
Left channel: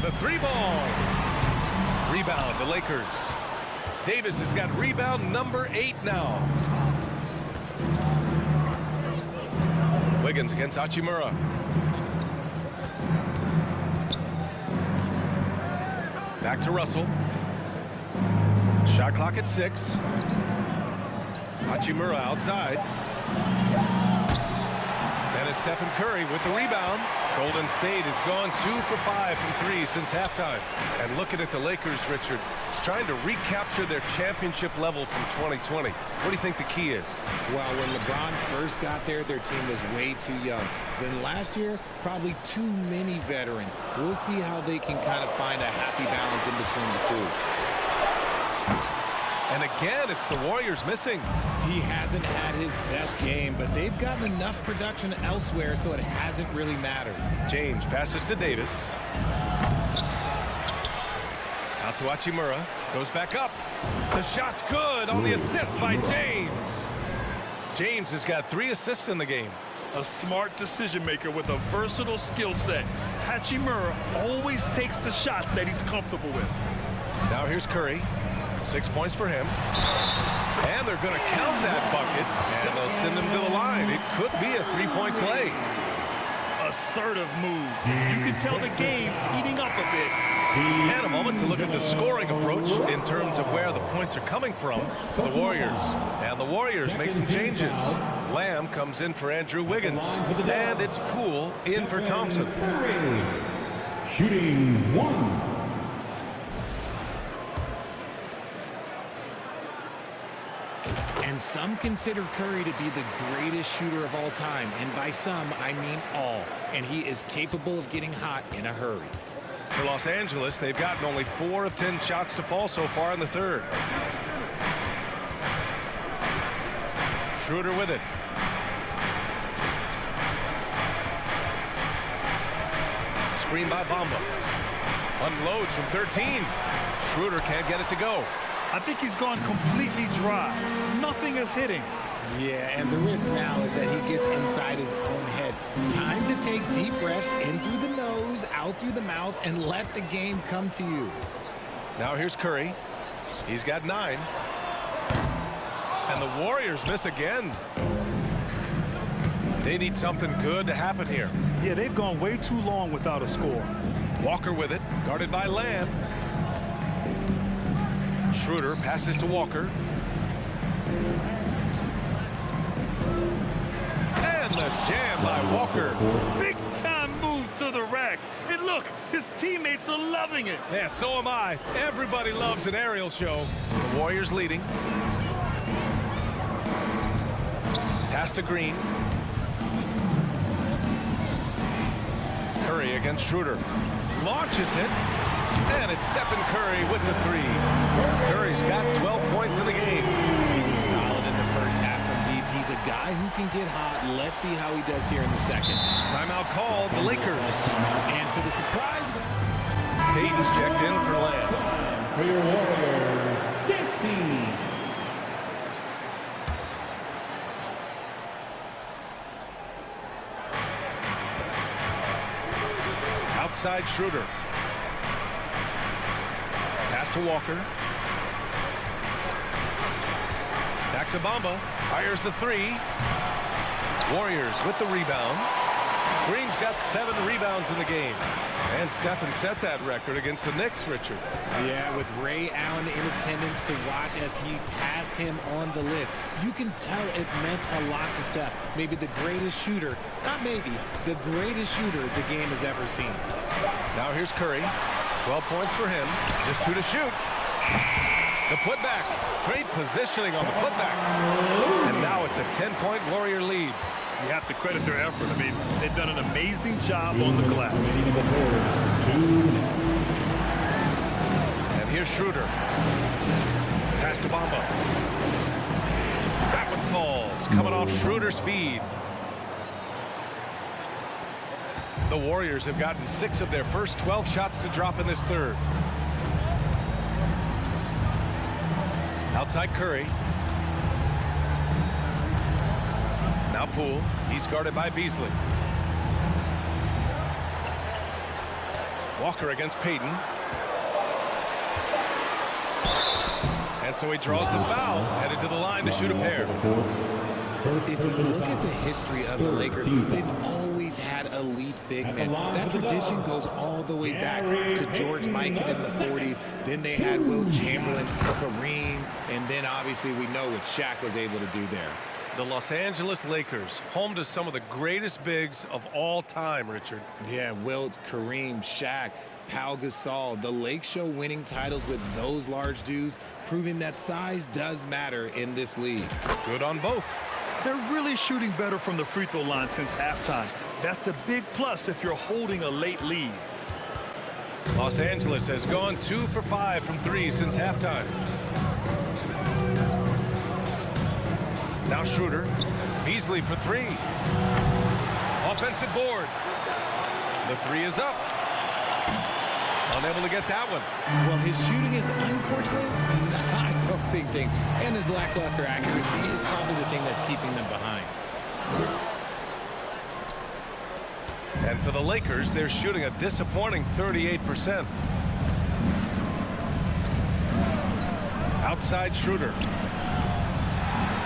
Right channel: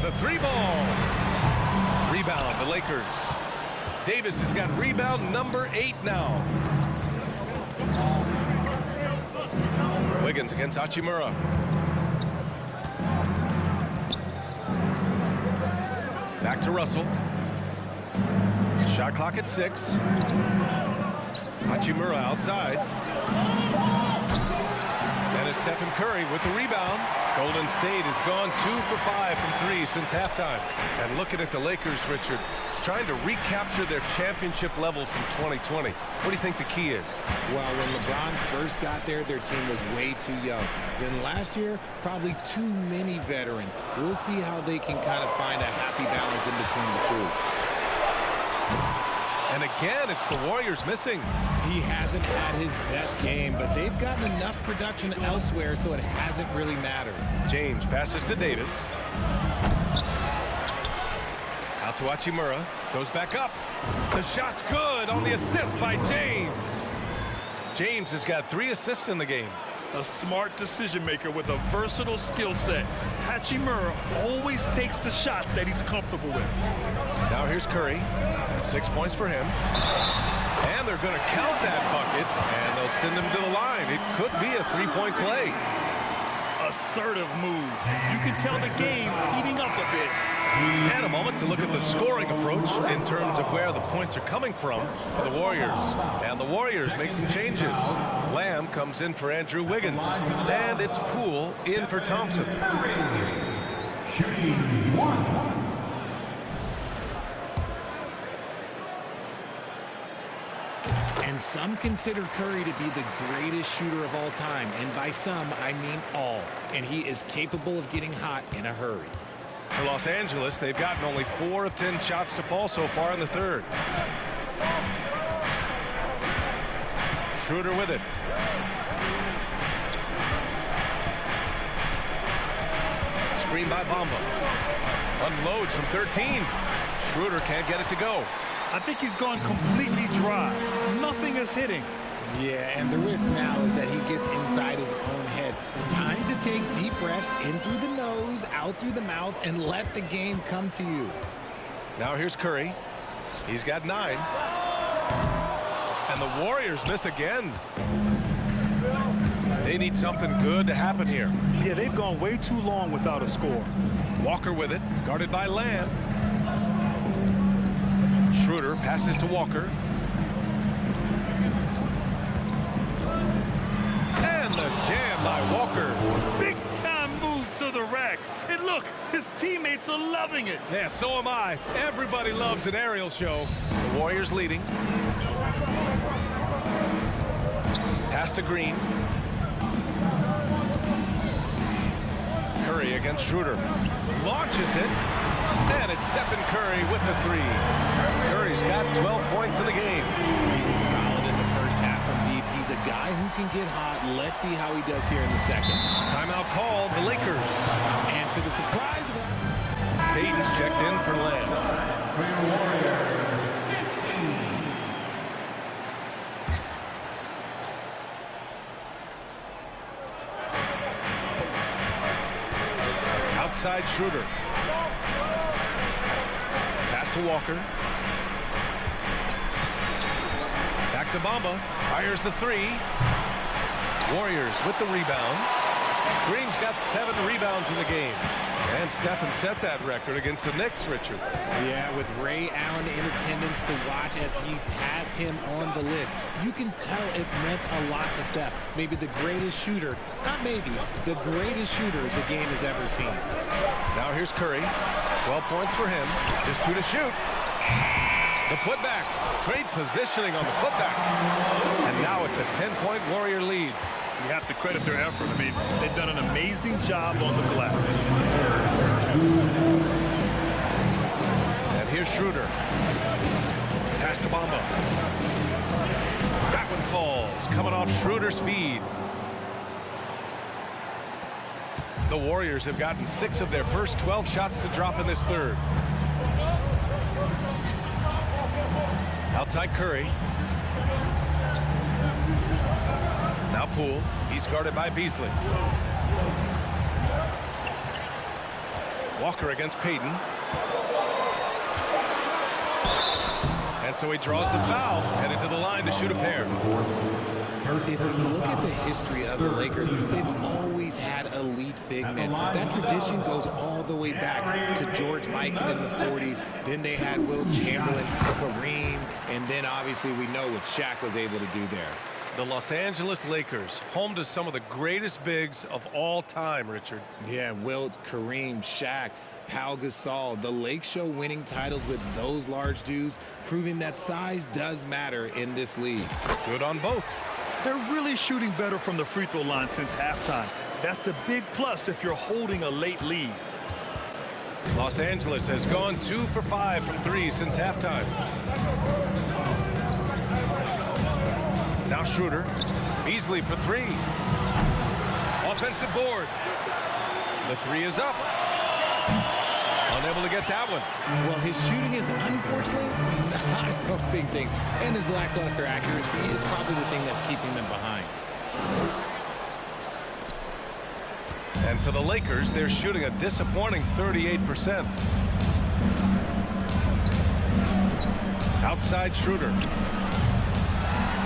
The 3-ball. Rebound, the Lakers. Davis has got rebound number 8 now. Wiggins against Hachimura. Back to Russell. Shot clock at 6. Hachimura outside. Then it's Stephen Curry with the rebound. Golden State has gone 2 for 5 from 3 since halftime. And looking at the Lakers, Richard, trying to recapture their championship level from 2020. What do you think the key is? Well, when LeBron first got there, their team was way too young. Then last year, probably too many veterans. We'll see how they can kind of find a happy balance in between the two. And again, it's the Warriors missing. He hasn't had his best game, but they've gotten enough production elsewhere, so it hasn't really mattered. James passes to Davis. Out to Hachimura. Goes back up. The shot's good on the assist by James. James has got 3 assists in the game. A smart decision maker with a versatile skill set. Hachimura always takes the shots that he's comfortable with. Now here's Curry. 6 points for him. And they're going to count that bucket, and they'll send him to the line. It could be a 3-point play. Assertive move. You can tell the game's heating up a bit. And a moment to look at the scoring approach in terms of where the points are coming from for the Warriors. And the Warriors make some changes. Lamb comes in for Andrew Wiggins. And it's Poole in for Thompson. Shooting 1. And some consider Curry to be the greatest shooter of all time. And by some, I mean all. And he is capable of getting hot in a hurry. For Los Angeles, they've gotten only 4 of 10 shots to fall so far in the third. Schroeder with it. Screen by Bamba. Unloads from 13. Schroeder can't get it to go. I think he's gone completely dry. Nothing is hitting. Yeah, and the risk now is that he gets inside his own head. Time to take deep breaths in through the nose, out through the mouth, and let the game come to you. Now here's Curry. He's got 9. And the Warriors miss again. They need something good to happen here. Yeah, they've gone way too long without a score. Walker with it, guarded by Lamb. Schroeder passes to Walker. And the jam by Walker. Big time move to the rack. And look, his teammates are loving it. Yeah, so am I. Everybody loves an aerial show. The Warriors leading. Pass to Green. Curry against Schroeder. Launches it. And it's Stephen Curry with the 3. Curry's got 12 points in the game. He was solid in the first half from deep. He's a guy who can get hot. Let's see how he does here in the second. Timeout called, the Lakers. And to the surprise of that, Payton's checked in for Lamb. For your Warriors, 15. Outside Schroeder. Pass to Walker. Back to Bamba. Fires the 3. Warriors with the rebound. Green's got 7 rebounds in the game. And Stephen set that record against the Knicks, Richard. yeah, with Ray Allen in attendance to watch as he passed him on the lift. You can tell it meant a lot to Steph. Maybe the greatest shooter, not maybe, the greatest shooter the game has ever seen. Now here's Curry. 12 points for him. Just 2 to shoot. The putback. Great positioning on the putback. And now it's a 10-point Warrior lead. You have to credit their effort. I mean, they've done an amazing job on the glass. And here's Schroeder. Pass to Bamba. That one falls. Coming off Schroeder's feed. The Warriors have gotten 6 of their first 12 shots to drop in this third. Outside Curry. Now Poole. He's guarded by Beasley. Walker against Payton. And so he draws the foul, headed to the line to shoot a pair. If you look at the history of the Lakers, they've always had elite big men. That tradition goes all the way back to George Mikan in the 40s. Then they had Wilt Chamberlain, Kareem, and then obviously we know what Shaq was able to do there. The Los Angeles Lakers, home to some of the greatest bigs of all time, Richard. Yeah, Wilt, Kareem, Shaq, Pau Gasol, the Lake Show winning titles with those large dudes, proving that size does matter in this league. Good on both. They're really shooting better from the free throw line since halftime. That's a big plus if you're holding a late lead. Los Angeles has gone 2 for 5 from 3 since halftime. Now Schroeder. Beasley for 3. Offensive board. The 3 is up. Unable to get that one. Well, his shooting is unfortunately not helping things. And his lackluster accuracy is probably the thing that's keeping them behind. And for the Lakers, they're shooting a disappointing 38%. Outside Schroeder.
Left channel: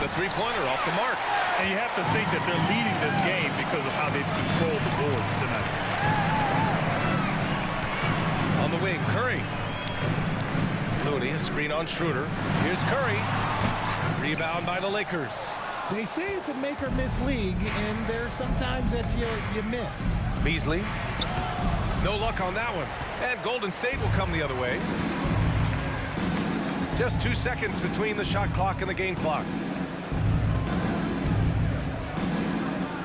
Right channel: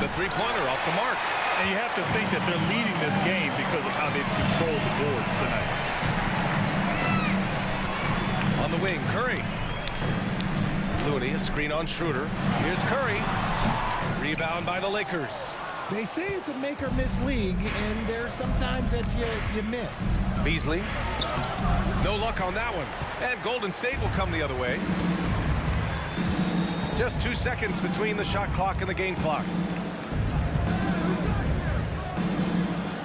The three-pointer off the mark. And you have to think that they're leading this game because of how they've controlled the boards tonight. On the wing, Curry. Looney, a screen on Schroeder. Here's Curry. Rebound by the Lakers. They say it's a make or miss league, and there's sometimes that you miss. Beasley. No luck on that one. And Golden State will come the other way. Just 2 seconds between the shot clock and the game clock.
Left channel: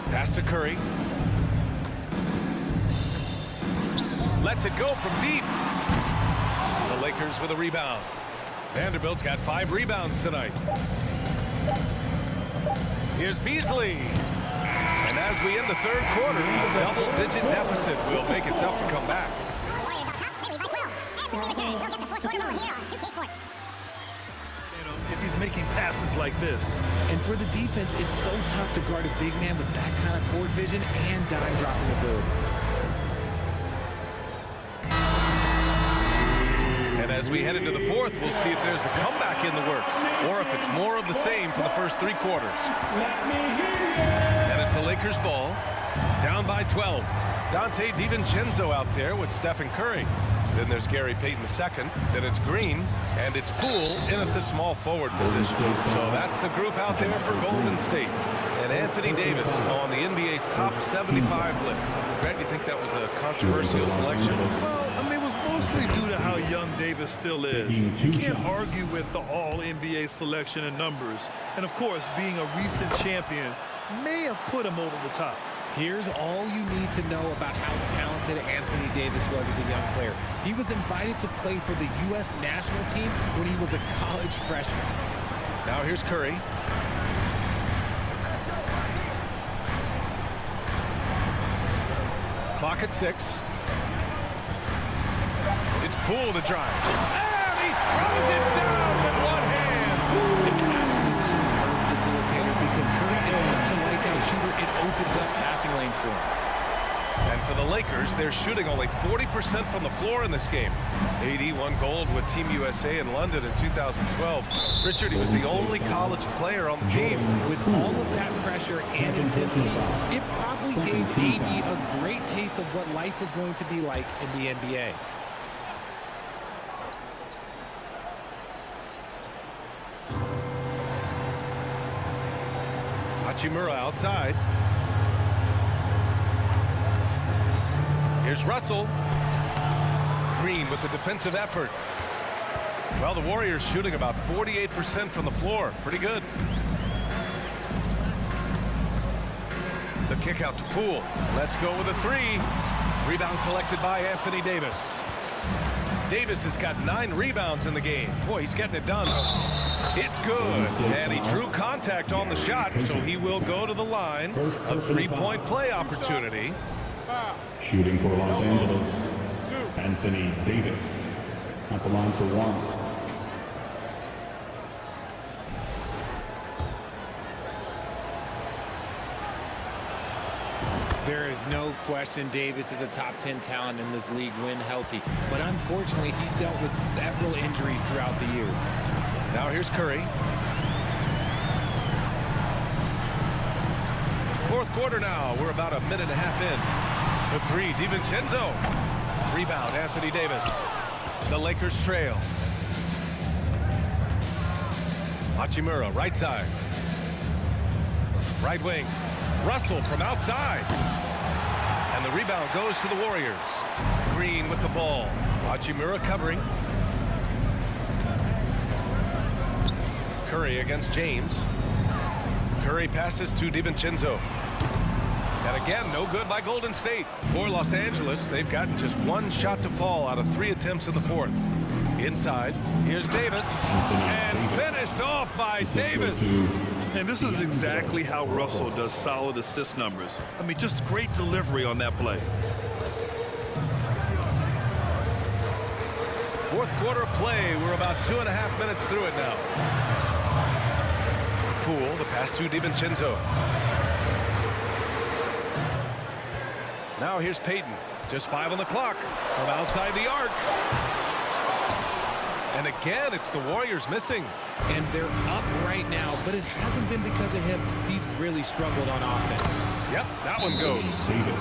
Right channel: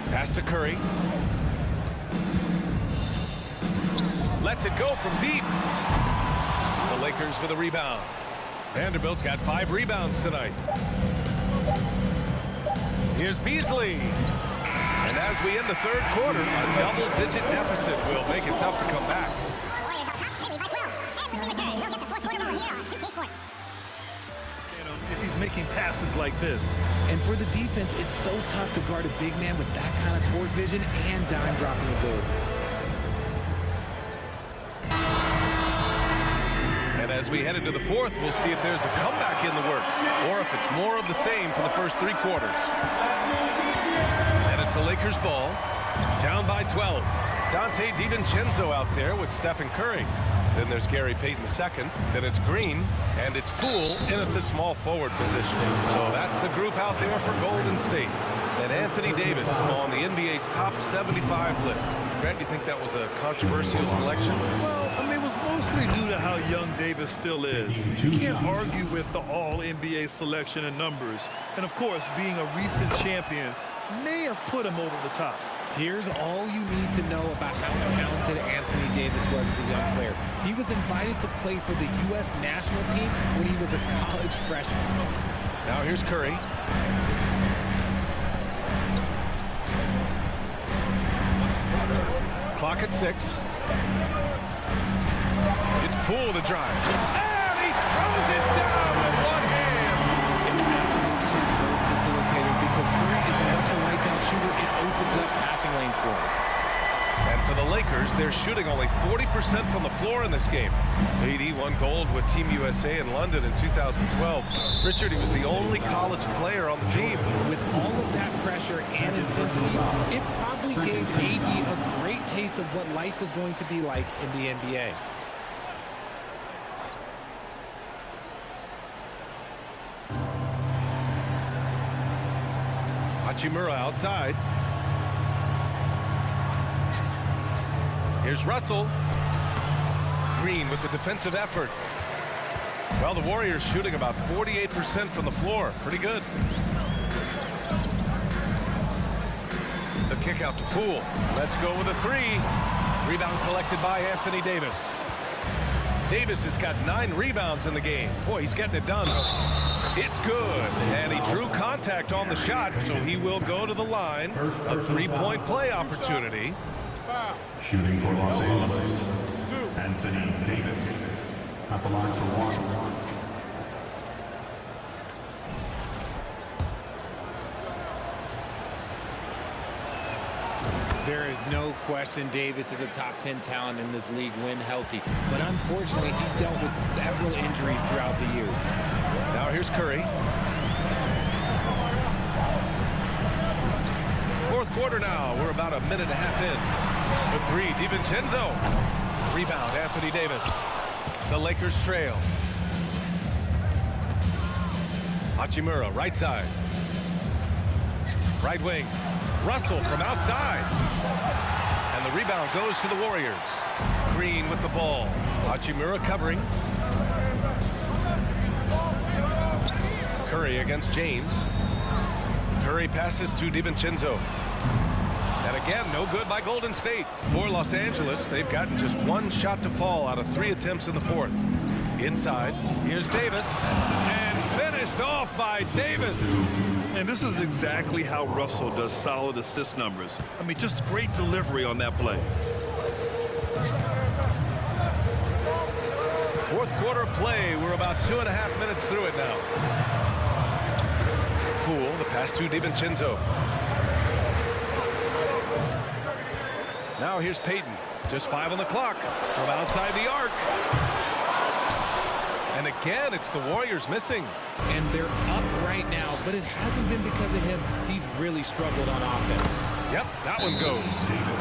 Pass to Curry. Lets it go from deep. The Lakers with a rebound. Vanderbilt's got 5 rebounds tonight. Here's Beasley. And as we end the third quarter, a double-digit deficit will make it tough to come back. Warriors up top, they lead by 12. And when we return, we'll get the fourth quarter ball here on 2K Sports. If he's making passes like this. And for the defense, it's so tough to guard a big man with that kind of court vision and dime dropping ability. And as we head into the fourth, we'll see if there's a comeback in the works or if it's more of the same from the first 3 quarters. And it's the Lakers ball, down by 12. Dante DiVincenzo out there with Stephen Curry. Then there's Gary Payton II. Then it's Green, and it's Poole in at the small forward position. So that's the group out there for Golden State. And Anthony Davis on the NBA's top 75 list. Grant, you think that was a controversial selection? Well, I mean, it was mostly due to how young Davis still is. You can't argue with the all-NBA selection and numbers. And, of course, being a recent champion may have put him over the top. Here's all you need to know about how talented Anthony Davis was as a young player. He was invited to play for the U.S. national team when he was a college freshman. Now here's Curry. Clock at 6. It's Poole to drive. And he throws it down with one hand. An absolute superb facilitator because Curry is such a lights-out shooter, it opens up passing lanes for him. And for the Lakers, they're shooting only 40% from the floor in this game. AD won gold with Team USA in London in 2012. Richard, he was the only college player on the team. With all of that pressure and intensity, it probably gave AD a great taste of what life was going to be like in the NBA. Hachimura outside. Here's Russell. Green with the defensive effort. Well, the Warriors shooting about 48% from the floor. Pretty good. The kick out to Poole. Let's go with a three. Rebound collected by Anthony Davis. Davis has got 9 rebounds in the game. Boy, he's getting it done. It's good. And he drew contact on the shot, so he will go to the line. A three-point play opportunity. Shooting for Los Angeles, Anthony Davis. At the line for one. There is no question Davis is a top 10 talent in this league when healthy. But unfortunately, he's dealt with several injuries throughout the years. Now here's Curry. Fourth quarter now. We're about a minute and a half in. The three, DiVincenzo. Rebound, Anthony Davis. The Lakers trail. Hachimura, right side. Right wing. Russell from outside. And the rebound goes to the Warriors. Green with the ball. Hachimura covering. Curry against James. Curry passes to DiVincenzo. And again, no good by Golden State. For Los Angeles, they've gotten just 1 shot to fall out of 3 attempts in the fourth. Inside, here's Davis. And finished off by Davis. And this is exactly how Russell does solid assist numbers. I mean, just great delivery on that play. Fourth quarter play. We're about 2.5 minutes through it now. Poole, the pass to DiVincenzo. Now here's Payton. Just 5 on the clock from outside the arc. And again, it's the Warriors missing. And they're up right now, but it hasn't been because of him. He's really struggled on offense. Yep, that one goes.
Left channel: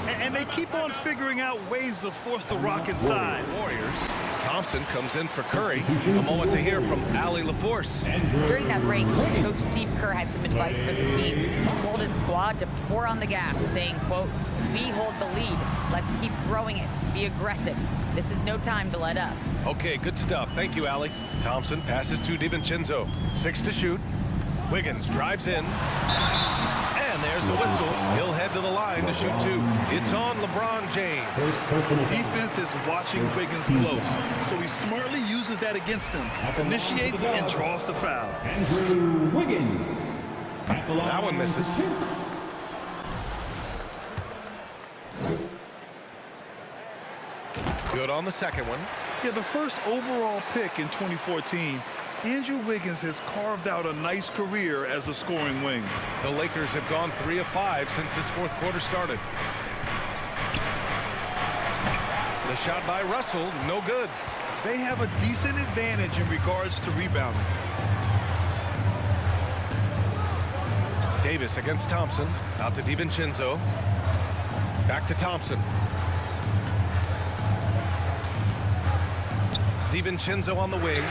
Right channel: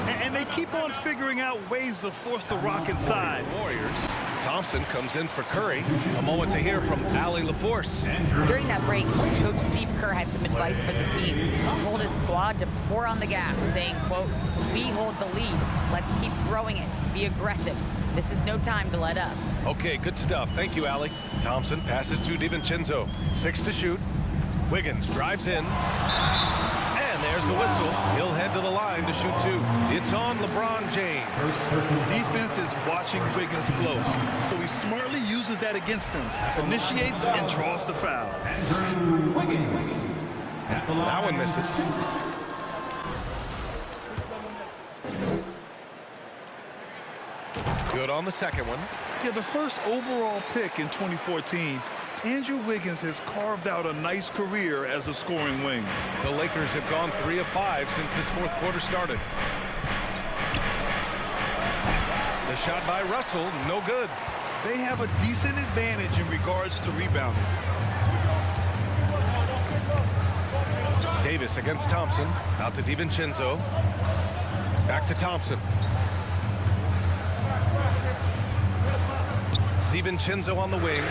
And they keep on figuring out ways to force the rock inside. Warriors. Thompson comes in for Curry. A moment to hear from Allie LaForce. During that break, Coach Steve Kerr had some advice for the team. He told his squad to pour on the gas, saying, quote, "We hold the lead. Let's keep growing it. Be aggressive. This is no time to let up." Okay, good stuff. Thank you, Allie. Thompson passes to DiVincenzo. 6 to shoot. Wiggins drives in. And there's a whistle. He'll head to the line to shoot 2. It's on LeBron James. Defense is watching Wiggins close, so he smartly uses that against him, initiates and draws the foul. Andrew Wiggins. That one misses. Good on the second one. Yeah, the first overall pick in 2014, Andrew Wiggins has carved out a nice career as a scoring wing. The Lakers have gone 3 of 5 since this fourth quarter started. The shot by Russell, no good. They have a decent advantage in regards to rebounding. Davis against Thompson. Out to DiVincenzo. Back to Thompson. DiVincenzo on the wing.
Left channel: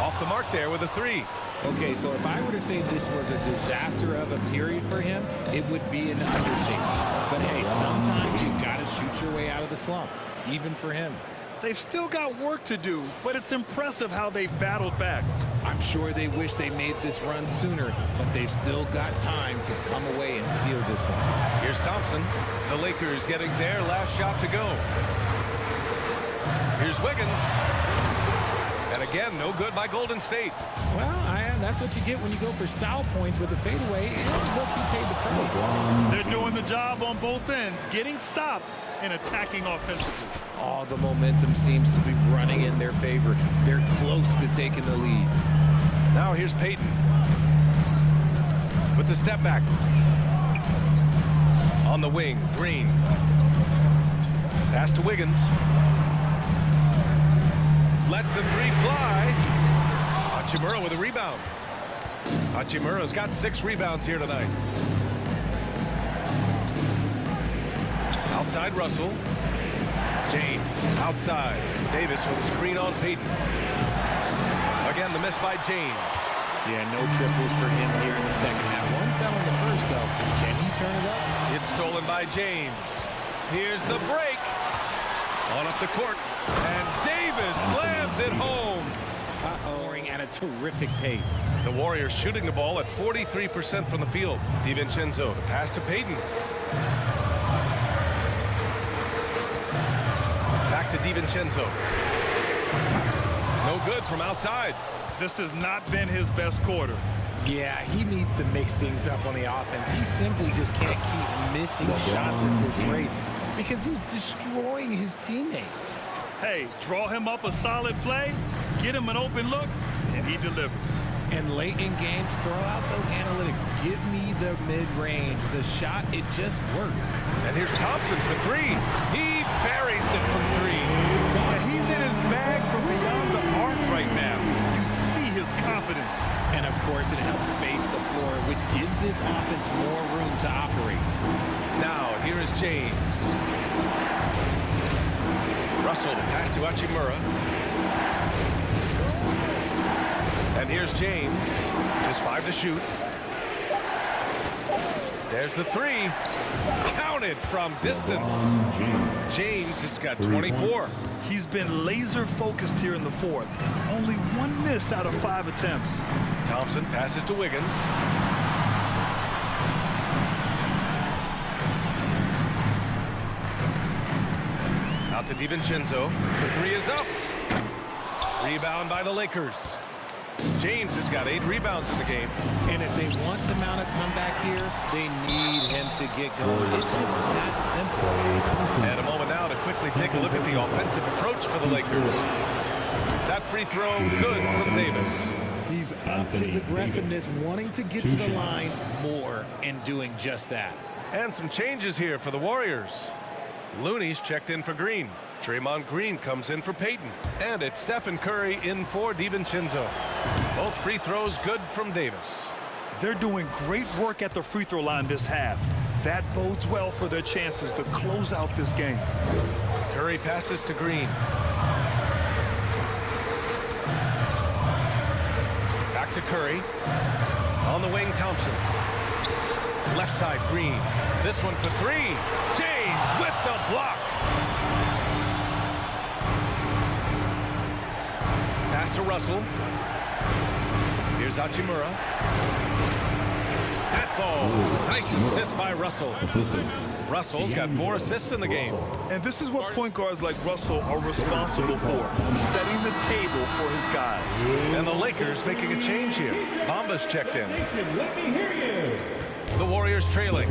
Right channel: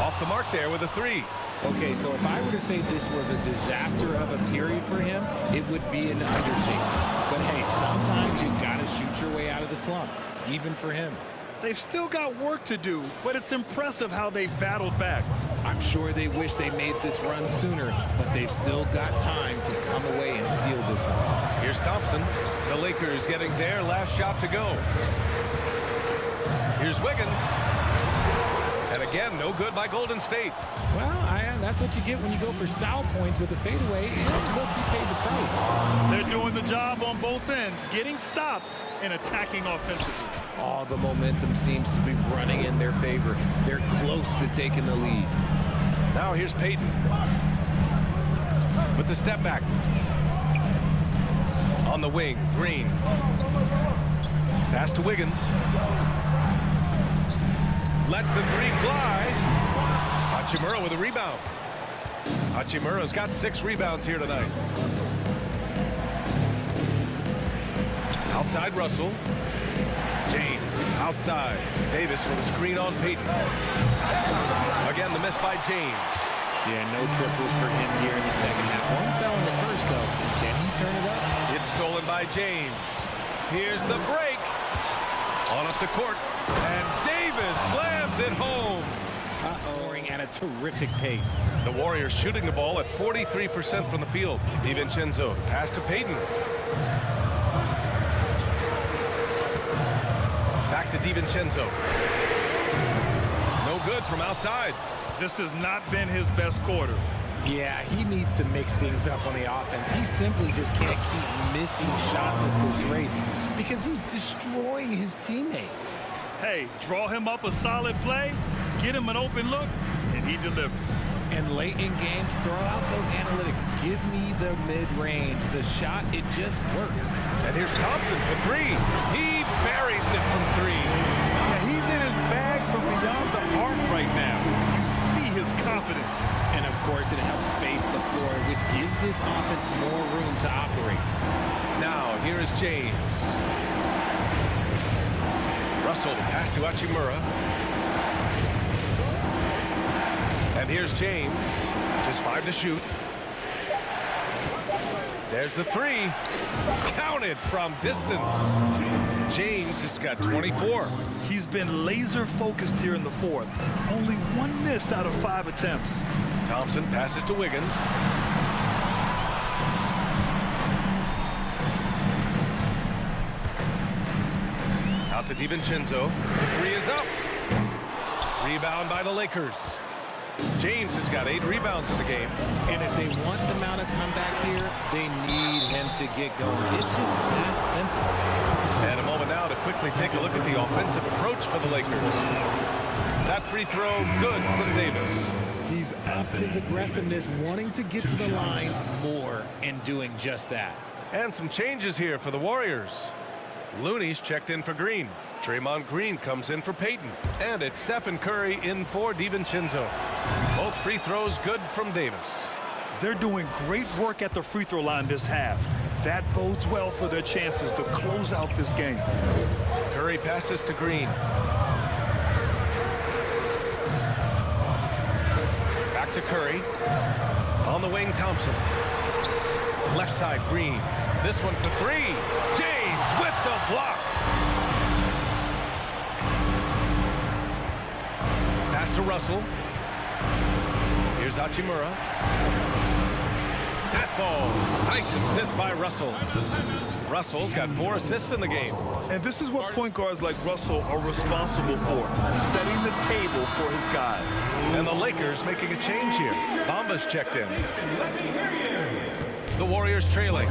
Off the mark there with a 3. Okay, so if I were to say this was a disaster of a period for him, it would be an understatement. But hey, sometimes you gotta shoot your way out of the slump, even for him. They've still got work to do, but it's impressive how they've battled back. I'm sure they wish they made this run sooner, but they've still got time to come away and steal this one. Here's Thompson. The Lakers getting their last shot to go. Here's Wiggins. And again, no good by Golden State. Well, that's what you get when you go for style points with the fadeaway, and look, he paid the price. They're doing the job on both ends, getting stops and attacking offensively. All the momentum seems to be running in their favor. They're close to taking the lead. Now here's Payton. With the step back. On the wing, Green. Pass to Wiggins. Lets the 3 fly. Hachimura with a rebound. Hachimura's got 6 rebounds here tonight. Outside Russell. James outside. Davis with a screen on Payton. Again, the miss by James. Yeah, no triples for him here in the second half. One fell in the first, though. Can he turn it up? It's stolen by James. Here's the break. On up the court. And Davis Davis slams it home. Scoring at a terrific pace. The Warriors shooting the ball at 43% from the field. DiVincenzo, the pass to Payton. Back to DiVincenzo. No good from outside. This has not been his best quarter. Yeah, he needs to mix things up on the offense. He simply just can't keep missing shots at this rate because he's destroying his teammates. Hey, draw him up a solid play, get him an open look, and he delivers. And late in games, throw out those analytics. Give me the mid-range. The shot, it just works. And here's Thompson for three. He buries it from three. Yeah, he's in his bag from beyond the arc right now. You see his confidence. And of course, it helps space the floor, which gives this offense more room to operate. Now, here is James. Russell, the pass to Hachimura. And here's James. Just 5 to shoot. There's the three. Counted from distance. James has got 24. He's been laser focused here in the fourth. Only 1 miss out of 5 attempts. Thompson passes to Wiggins. Out to DiVincenzo. The three is up. Rebound by the Lakers. James has got 8 rebounds in the game. And if they want to mount a comeback here, they need him to get going. It's just that simple. And a moment now to quickly take a look at the offensive approach for the Lakers. That free throw, good from Davis. He's upped his aggressiveness, wanting to get to the line more and doing just that. And some changes here for the Warriors. Looney's checked in for Green. Draymond Green comes in for Payton. And it's Stephen Curry in for DiVincenzo. Both free throws good from Davis. They're doing great work at the free throw line this half. That bodes well for their chances to close out this game. Curry passes to Green. Back to Curry. On the wing, Thompson. Left side, Green. This one for three. James with the block. Pass to Russell. Here's Hachimura. That falls. Nice assist by Russell. Russell's got 4 assists in the game. And this is what point guards like Russell are responsible for, setting the table for his guys. And the Lakers making a change here. Bamba's checked in. Let me hear you. The Warriors trailing.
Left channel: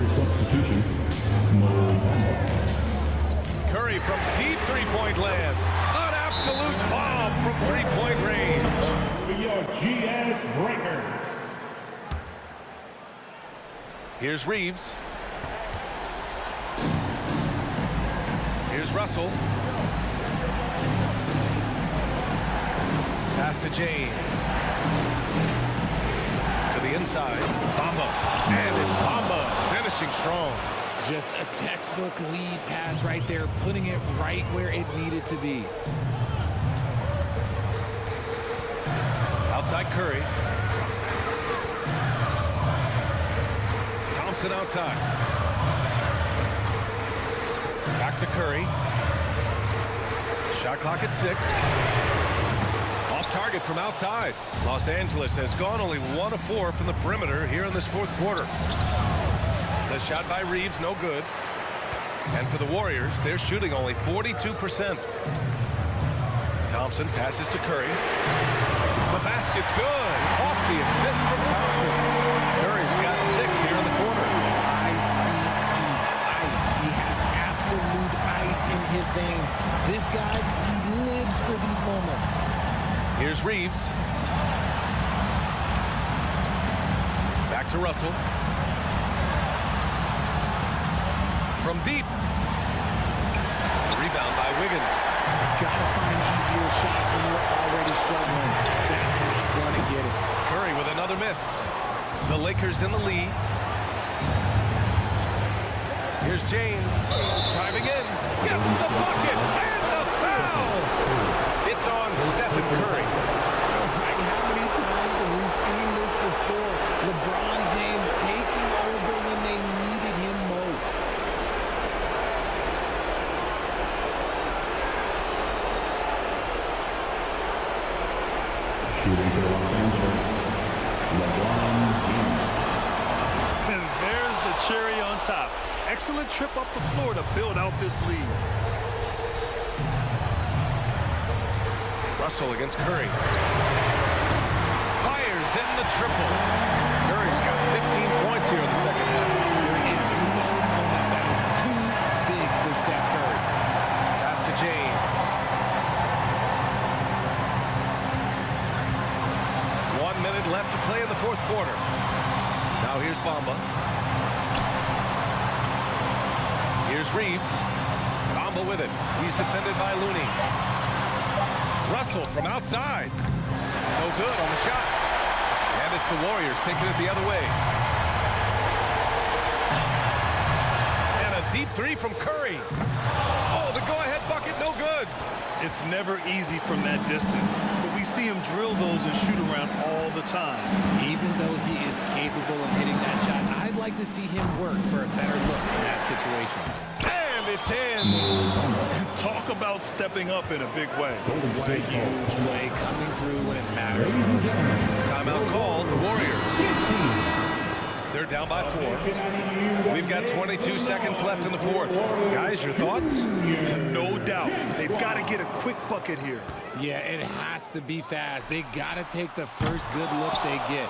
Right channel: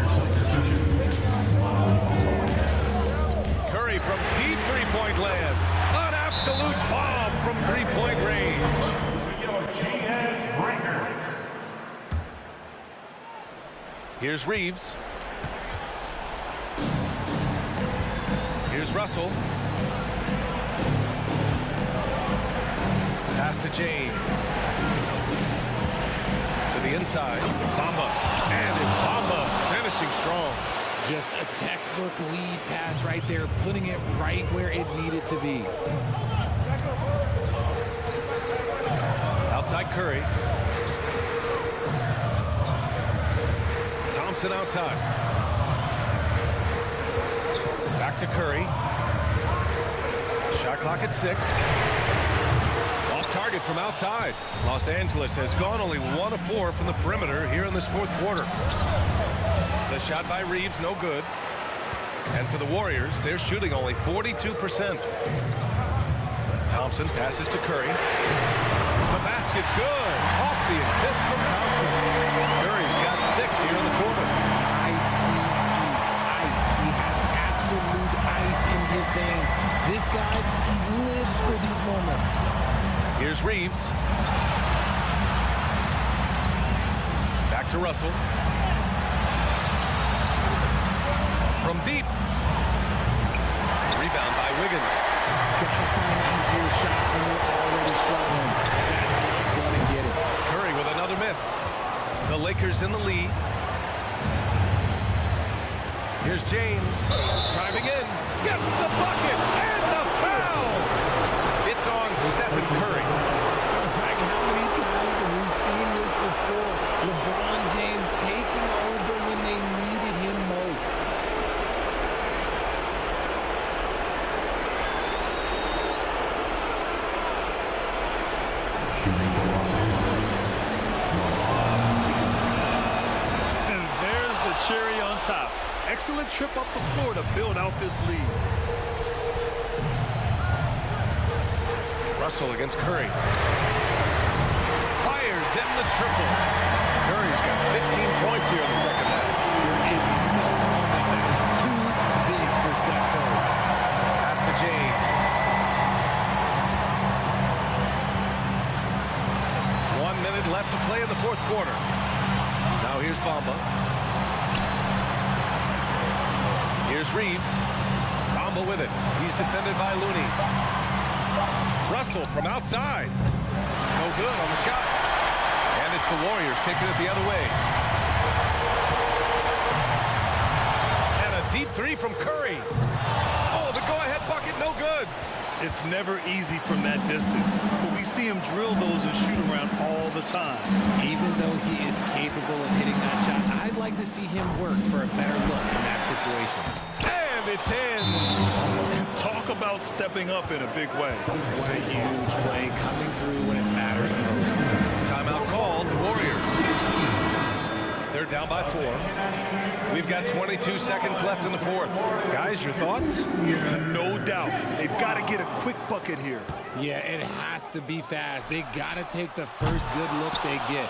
Curry from deep three-point land. An absolute bomb from three-point range. For your GS Breakers. Here's Reeves. Here's Russell. Pass to James. To the inside. Bamba. And it's Bamba finishing strong. Just a textbook lead pass right there, putting it right where it needed to be. Outside Curry. Thompson outside. Back to Curry. Shot clock at 6. Off target from outside. Los Angeles has gone only 1 of 4 from the perimeter here in this fourth quarter. The shot by Reeves, no good. And for the Warriors, they're shooting only 42%. Thompson passes to Curry. The basket's good. Off the assist from Thompson. Curry's got 6 here in the quarter. ICE. He has absolute ice in his veins. This guy, he lives for these moments. Here's Reeves. Back to Russell. From deep. The rebound by Wiggins. Gotta find easier shots when you're already struggling. That's not gonna get it. Curry with another miss. The Lakers in the lead. Here's James. Driving in. Gets the bucket. And the foul. It's on Stephen Curry. Like how many times have we seen this before? LeBron James taking over when they needed him most. Shooting for Los Angeles, LeBron James. And there's the cherry on top. Excellent trip up the floor to build out this lead. Russell against Curry. Fires in the triple. Curry's got 15 points here in the second half. There is no moment that is too big for Steph Curry. Pass to James. 1 minute left to play in the fourth quarter. Now here's Bamba. Here's Reeves. Bamba with it. He's defended by Looney. Russell from outside. No good on the shot. And it's the Warriors taking it the other way. And a deep three from Curry. Oh, the go-ahead bucket, no good. It's never easy from that distance, but we see him drill those and shoot around all the time. Even though he is capable of hitting that shot, I'd like to see him work for a better look in that situation. And it's in. Talk about stepping up in a big way. What a huge play coming through when it matters most. Timeout called, the Warriors. They're down by 4. We've got 22 seconds left in the fourth. Guys, your thoughts? No doubt. They've got to get a quick bucket here. Yeah, it has to be fast. They got to take the first good look they get.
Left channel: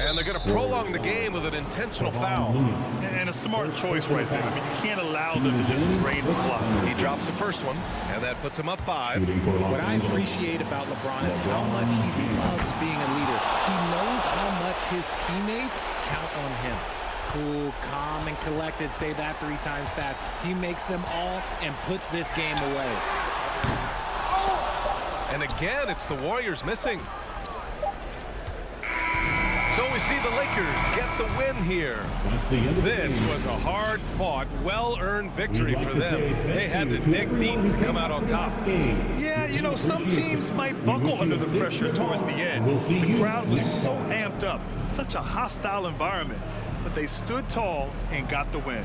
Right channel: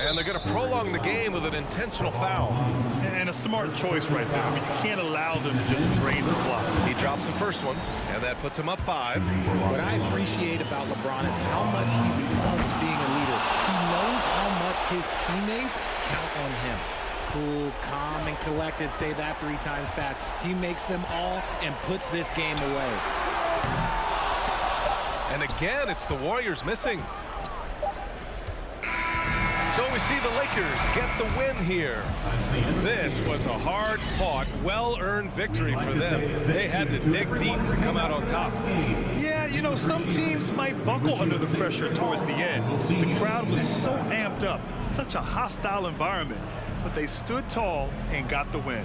And they're going to prolong the game with an intentional foul. And a smart choice right there. I mean, you can't allow them to just drain the clock. He drops the first one, and that puts him up 5. What I appreciate about LeBron is how much he loves being a leader. He knows how much his teammates count on him. Cool, calm, and collected. Say that 3 times fast. He makes them all and puts this game away. And again, it's the Warriors missing. So we see the Lakers get the win here. This was a hard-fought, well-earned victory for them. They had to dig deep to come out on top. Yeah, you know, some teams might buckle under the pressure towards the end. The crowd was so amped up, such a hostile environment, but they stood tall and got the win.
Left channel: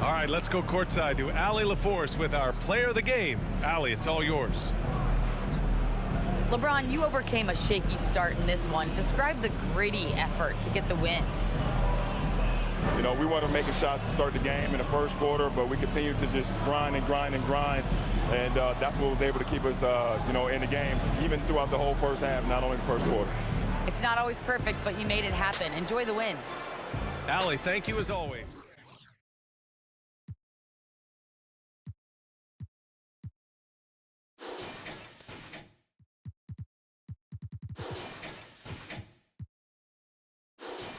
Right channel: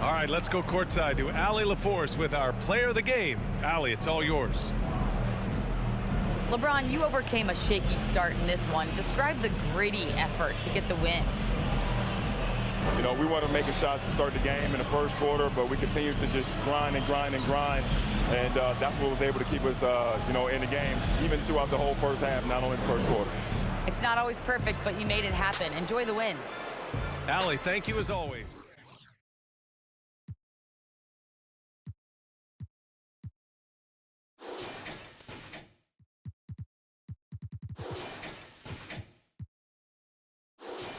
All right, let's go courtside to Allie LaForce with our player of the game. Allie, it's all yours. LeBron, you overcame a shaky start in this one. Describe the gritty effort to get the win. You know, we wanted to make shots to start the game in the first quarter, but we continued to just grind and grind and grind. And that's what was able to keep us, you know, in the game, even throughout the whole first half, not only the first quarter. It's not always perfect, but you made it happen. Enjoy the win. Allie, thank you as always.